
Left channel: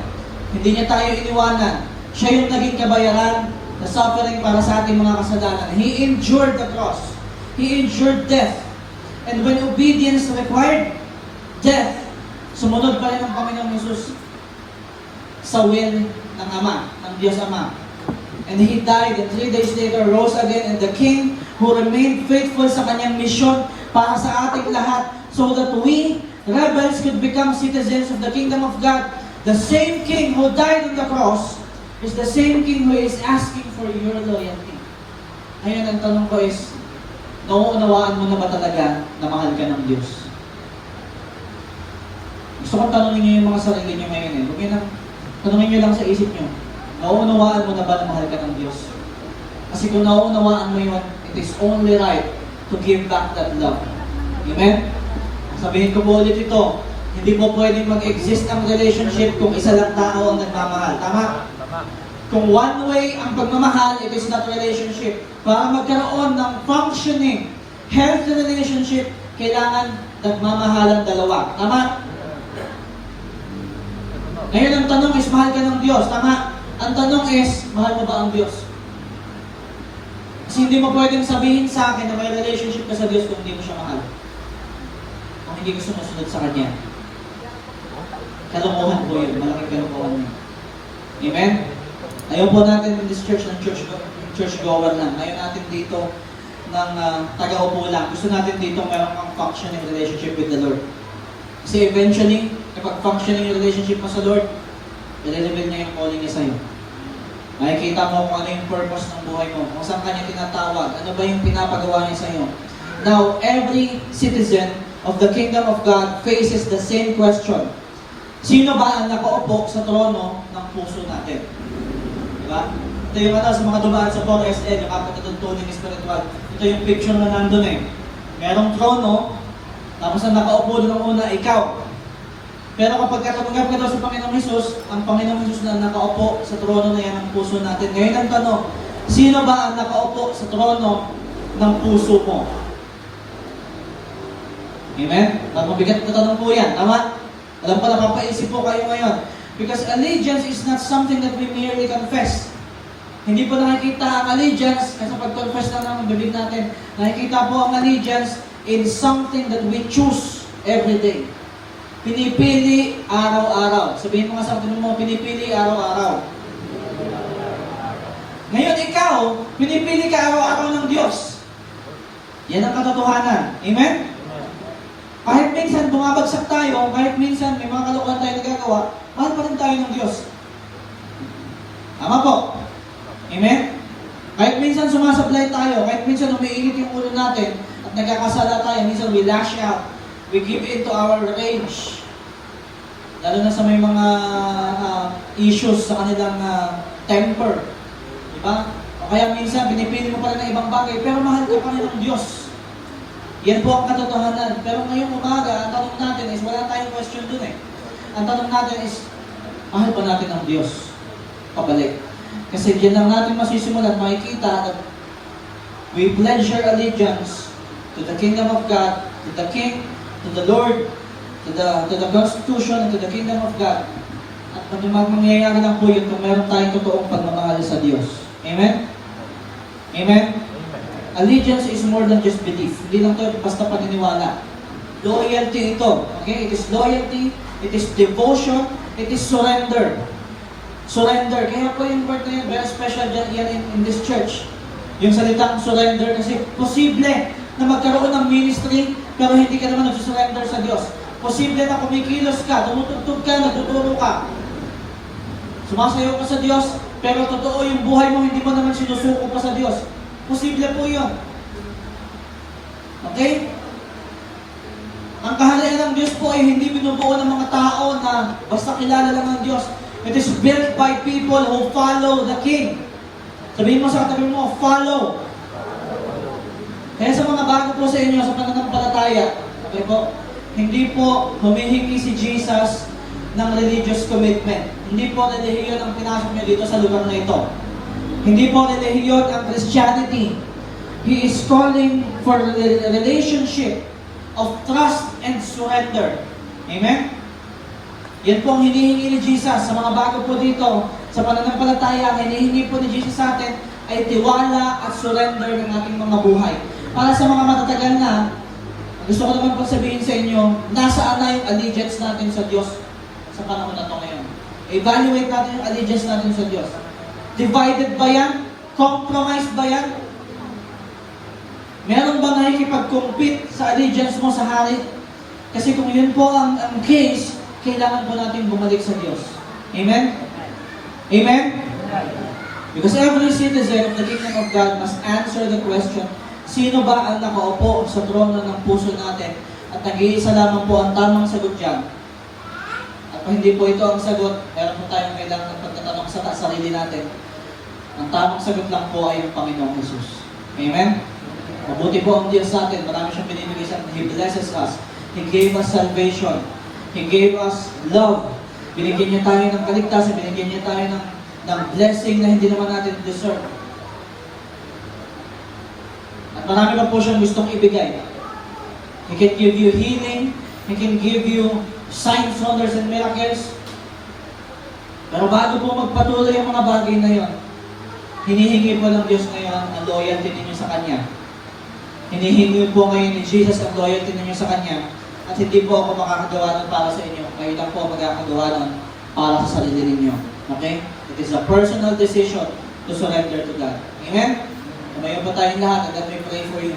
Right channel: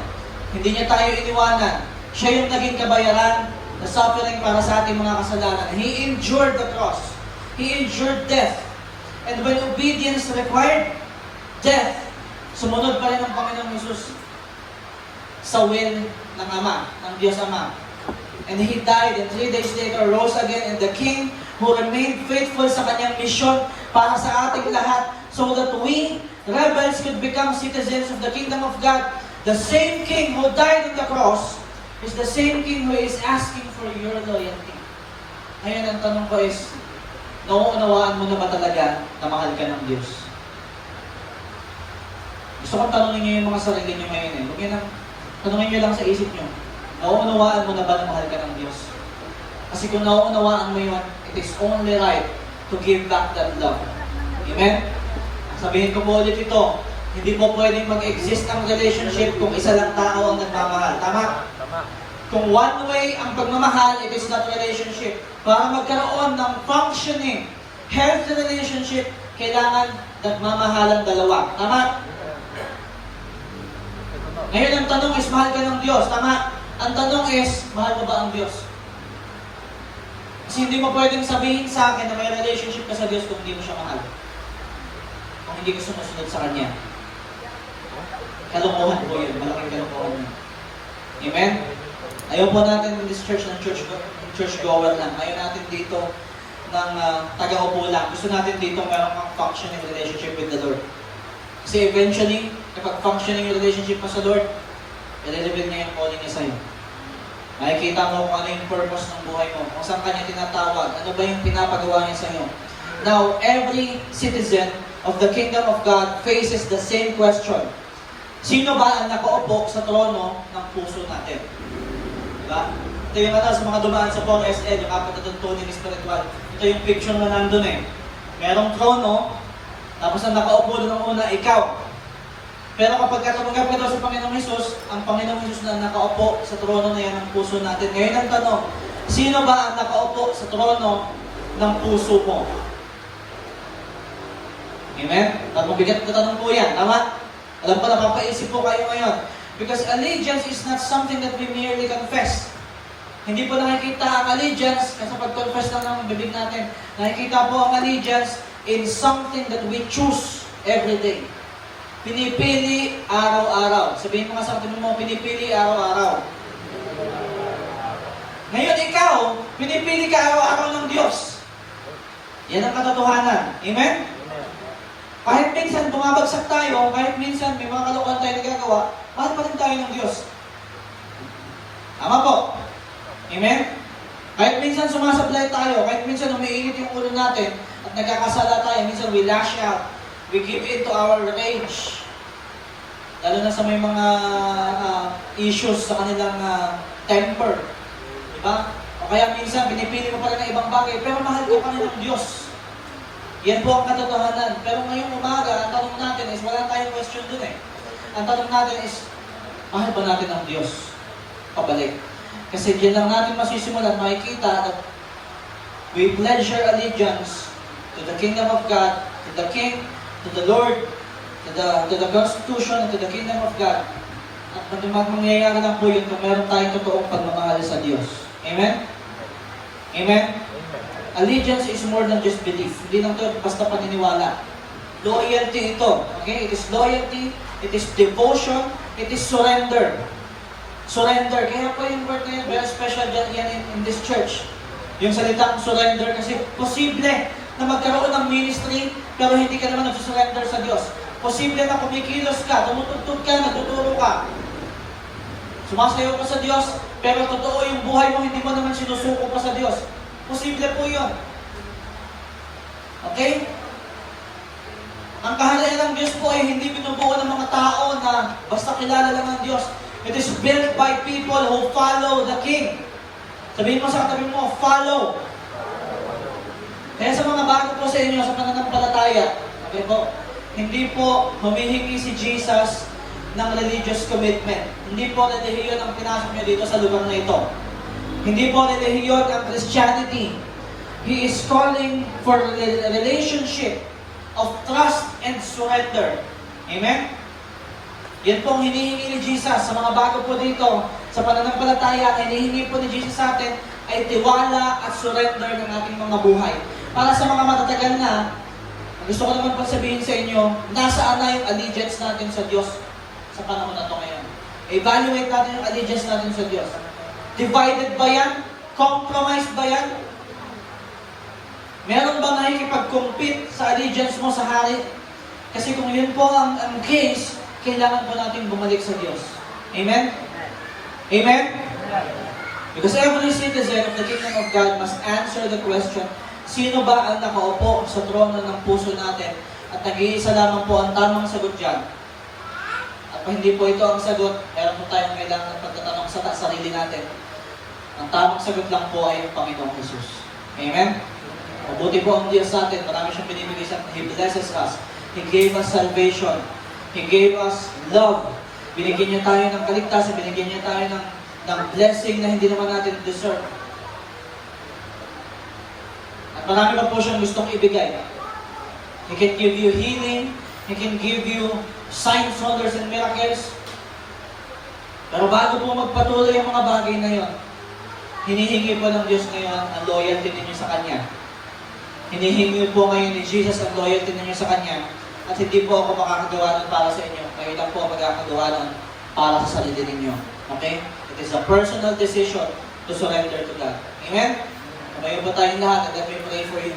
Hindi niya tayo iniwanan. Siya yung naging kabayaran na suffering para sa ating mga kasalanan. He endured the cross. He endured death. And when obedience required death, sumunod pa rin ang Panginoong Jesus sa will ng Ama, ng Diyos Ama. And He died, and 3 days later rose again, and the King who remained faithful sa kanyang mission para sa ating lahat, so that we, rebels, could become citizens of the kingdom of God. The same King who died on the cross is the same King who is asking for your loyalty. Ngayon, ang tanong ko is, nauunawaan mo na ba talaga na mahal ka ng Diyos? Gusto kong tanongin niyo yung mga sarili niyo ngayon eh. Huwag yun lang, tanongin niyo lang sa isip niyo. Nauunawaan mo na ba na mahal ka ng Diyos? Kasi kung nauunawaan mo yun, it is only right to give back that love. Amen? Sabihin ko po ulit ito, hindi po pwedeng mag-exist ang relationship kung isa lang tao ang nagmamahal. Tama? Kung one way ang pagmamahal, it is not relationship. Para magkaroon ng functioning, healthy relationship, kailangan nagmamahalang dalawa. Tama? Ngayon ang tanong is, mahal ka ng Diyos. Tama? Ang tanong is, mahal mo ba ang Diyos? Kasi hindi mo pwedeng sabihin sa akin na may relationship ka sa Diyos kung hindi mo siya mahal. Kung hindi mo sumusunod sa Kanya. Kalokohan po yun. Malaking kalokohan yun. Amen? Ayaw po natin in this church ng church goer lang. Ayaw natin dito ng taga-upo lang. Gusto natin dito mayroong kang functioning relationship with the Lord. Kasi eventually, kapag functioning yung relationship mo sa Lord, nalilibig niya yung calling niya sa'yo. Makikita mo kung ano yung purpose ng buhay mo. Kung saan kanya tinatawag. Ano ba yung pinapagawa niya sa'yo. Now, every citizen of the kingdom of God faces the same question. Sino ba ang nakaupo sa trono ng puso natin? Diba? Ito yung sa mga dumaan sa 4SN, yung apat na tuntunin spiritual. Ito yung picture na nandun eh. Merong trono, tapos ang nakaupo doon muna, ikaw. Pero kapag tumanggap ka daw sa Panginoong Hesus, ang Panginoong Hesus na nakaupo sa trono na yan ng puso natin. Ngayon ang tanong, sino ba ang nakaupo sa trono ng puso mo? Amen? At mabigat na tanong po yan. Tama? Alam ko na papaisip po kayo ngayon. Because allegiance is not something that we merely confess. Hindi po nakikita ang allegiance kasi pag-confess lang ng bibig natin. Nakikita po ang allegiance in something that we choose every day. Pinipili araw-araw. Sabihin mo nga sa atin mo, pinipili araw-araw. Ngayon ikaw, pinipili ka araw-araw ng Diyos. Yan ang katotohanan. Amen? Kahit minsan bumabagsak tayo, kahit minsan may mga kalokohan tayo nagagawa, mahal pa rin tayo ng Diyos. Tama po? Amen? Kahit minsan sumasablay tayo, kahit minsan umiinit yung ulo natin, at nagkakasala tayo, minsan we lash out, we give in to our rage. Lalo na sa may mga issues sa kanilang temper. Diba? O kaya minsan binipili mo pa rin ng ibang bagay, pero mahal ka pa rin ng Diyos. Yan po ang katotohanan. Pero ngayong umaga, ang tanong natin is, wala tayong question dun eh. Ang tanong natin is, mahal pa natin ang Diyos. Pabalik. Kasi diyan lang natin masisimulan, makikita na we pledge our allegiance to the kingdom of God, to the King, to the Lord, to the Constitution, to the kingdom of God. At mangyayari lang po yun kung meron tayong totoong pagmamahal sa Diyos. Amen? Amen? Allegiance is more than just belief. Hindi lang ito basta paniniwala. Loyalty ito. Okay? It is loyalty, it is devotion, it is surrender. Surrender. Kaya po yung word na yun, very special yan in this church. Yung salitang surrender kasi posible na magkaroon ng ministry pero hindi ka naman nag-surrender sa Diyos. Posible na kumikilos ka, tumutugtog ka, nagtuturo ka. Sumasayaw ka sa Diyos, pero totoo yung buhay mo, hindi mo naman sinusuko pa sa Diyos. Posible po yun. Okay? Ang kahalayan ng Diyos po ay hindi binubuo ng mga tao na basta kilala lang ng Diyos. It is built by people who follow the King. Sabihin mo sa katabi mo, follow. Kaya sa mga bago po sa inyo, sa pananampalataya, okay po, hindi po humihingi si Jesus ng religious commitment. Hindi po relihiyon ang pinasok niyo dito sa lugar na ito. Hindi po relihiyon ang Christianity. He is calling for a relationship of trust and surrender. Amen? Yan pong hinihingi ni Jesus sa mga bago po dito, sa pananampalataya, hinihingi po ni Jesus sa atin ay tiwala at surrender ng ating mga buhay. Para sa mga matatagal na, gusto ko naman po sabihin sa inyo, nasaan na yung allegiance natin sa Diyos sa panahon na ito ngayon. Evaluate natin yung allegiance natin sa Diyos. Divided ba yan? Compromised ba yan? Meron ba nakikipag-compete sa allegiance mo sa hari? Kasi kung yun po ang case, kailangan po natin bumalik sa Diyos. Amen? Amen? Because every citizen of the kingdom of God must answer the question, sino ba ang nakaupo sa trono ng puso natin? At nag-iisa lamang po ang tamang sagot dyan. At kung hindi po ito ang sagot, meron po tayong kailangan ng pagtatanong sa sarili natin. Ang tamang sagot lang po ay ang Panginoong Jesus. Amen? Mabuti po ang Diyos sa atin. Marami siyang binibigay sa atin. He blesses us. He gave us salvation. He gave us love. Binigyan niyo tayo ng kaligtasan. Binigyan niyo tayo ng blessing na hindi naman natin deserve. At marami pa po siyang gustong ibigay. He can give you healing. He can give you signs, wonders, and miracles. Pero bago po magpatuloy ang mga bagay na yun, hinihingi po ng Diyos ngayon ang loyalty ninyo sa Kanya. Hinihingi po ngayon ni Jesus ang loyalty ninyo sa Kanya. At hindi po ako makakagawa nun para sa inyo. Ngayon lang po ako makakagawa nun para sa sarili ninyo. Okay? It is a personal decision to surrender to God. Amen? Ngayon po tayong lahat. And let me pray for you.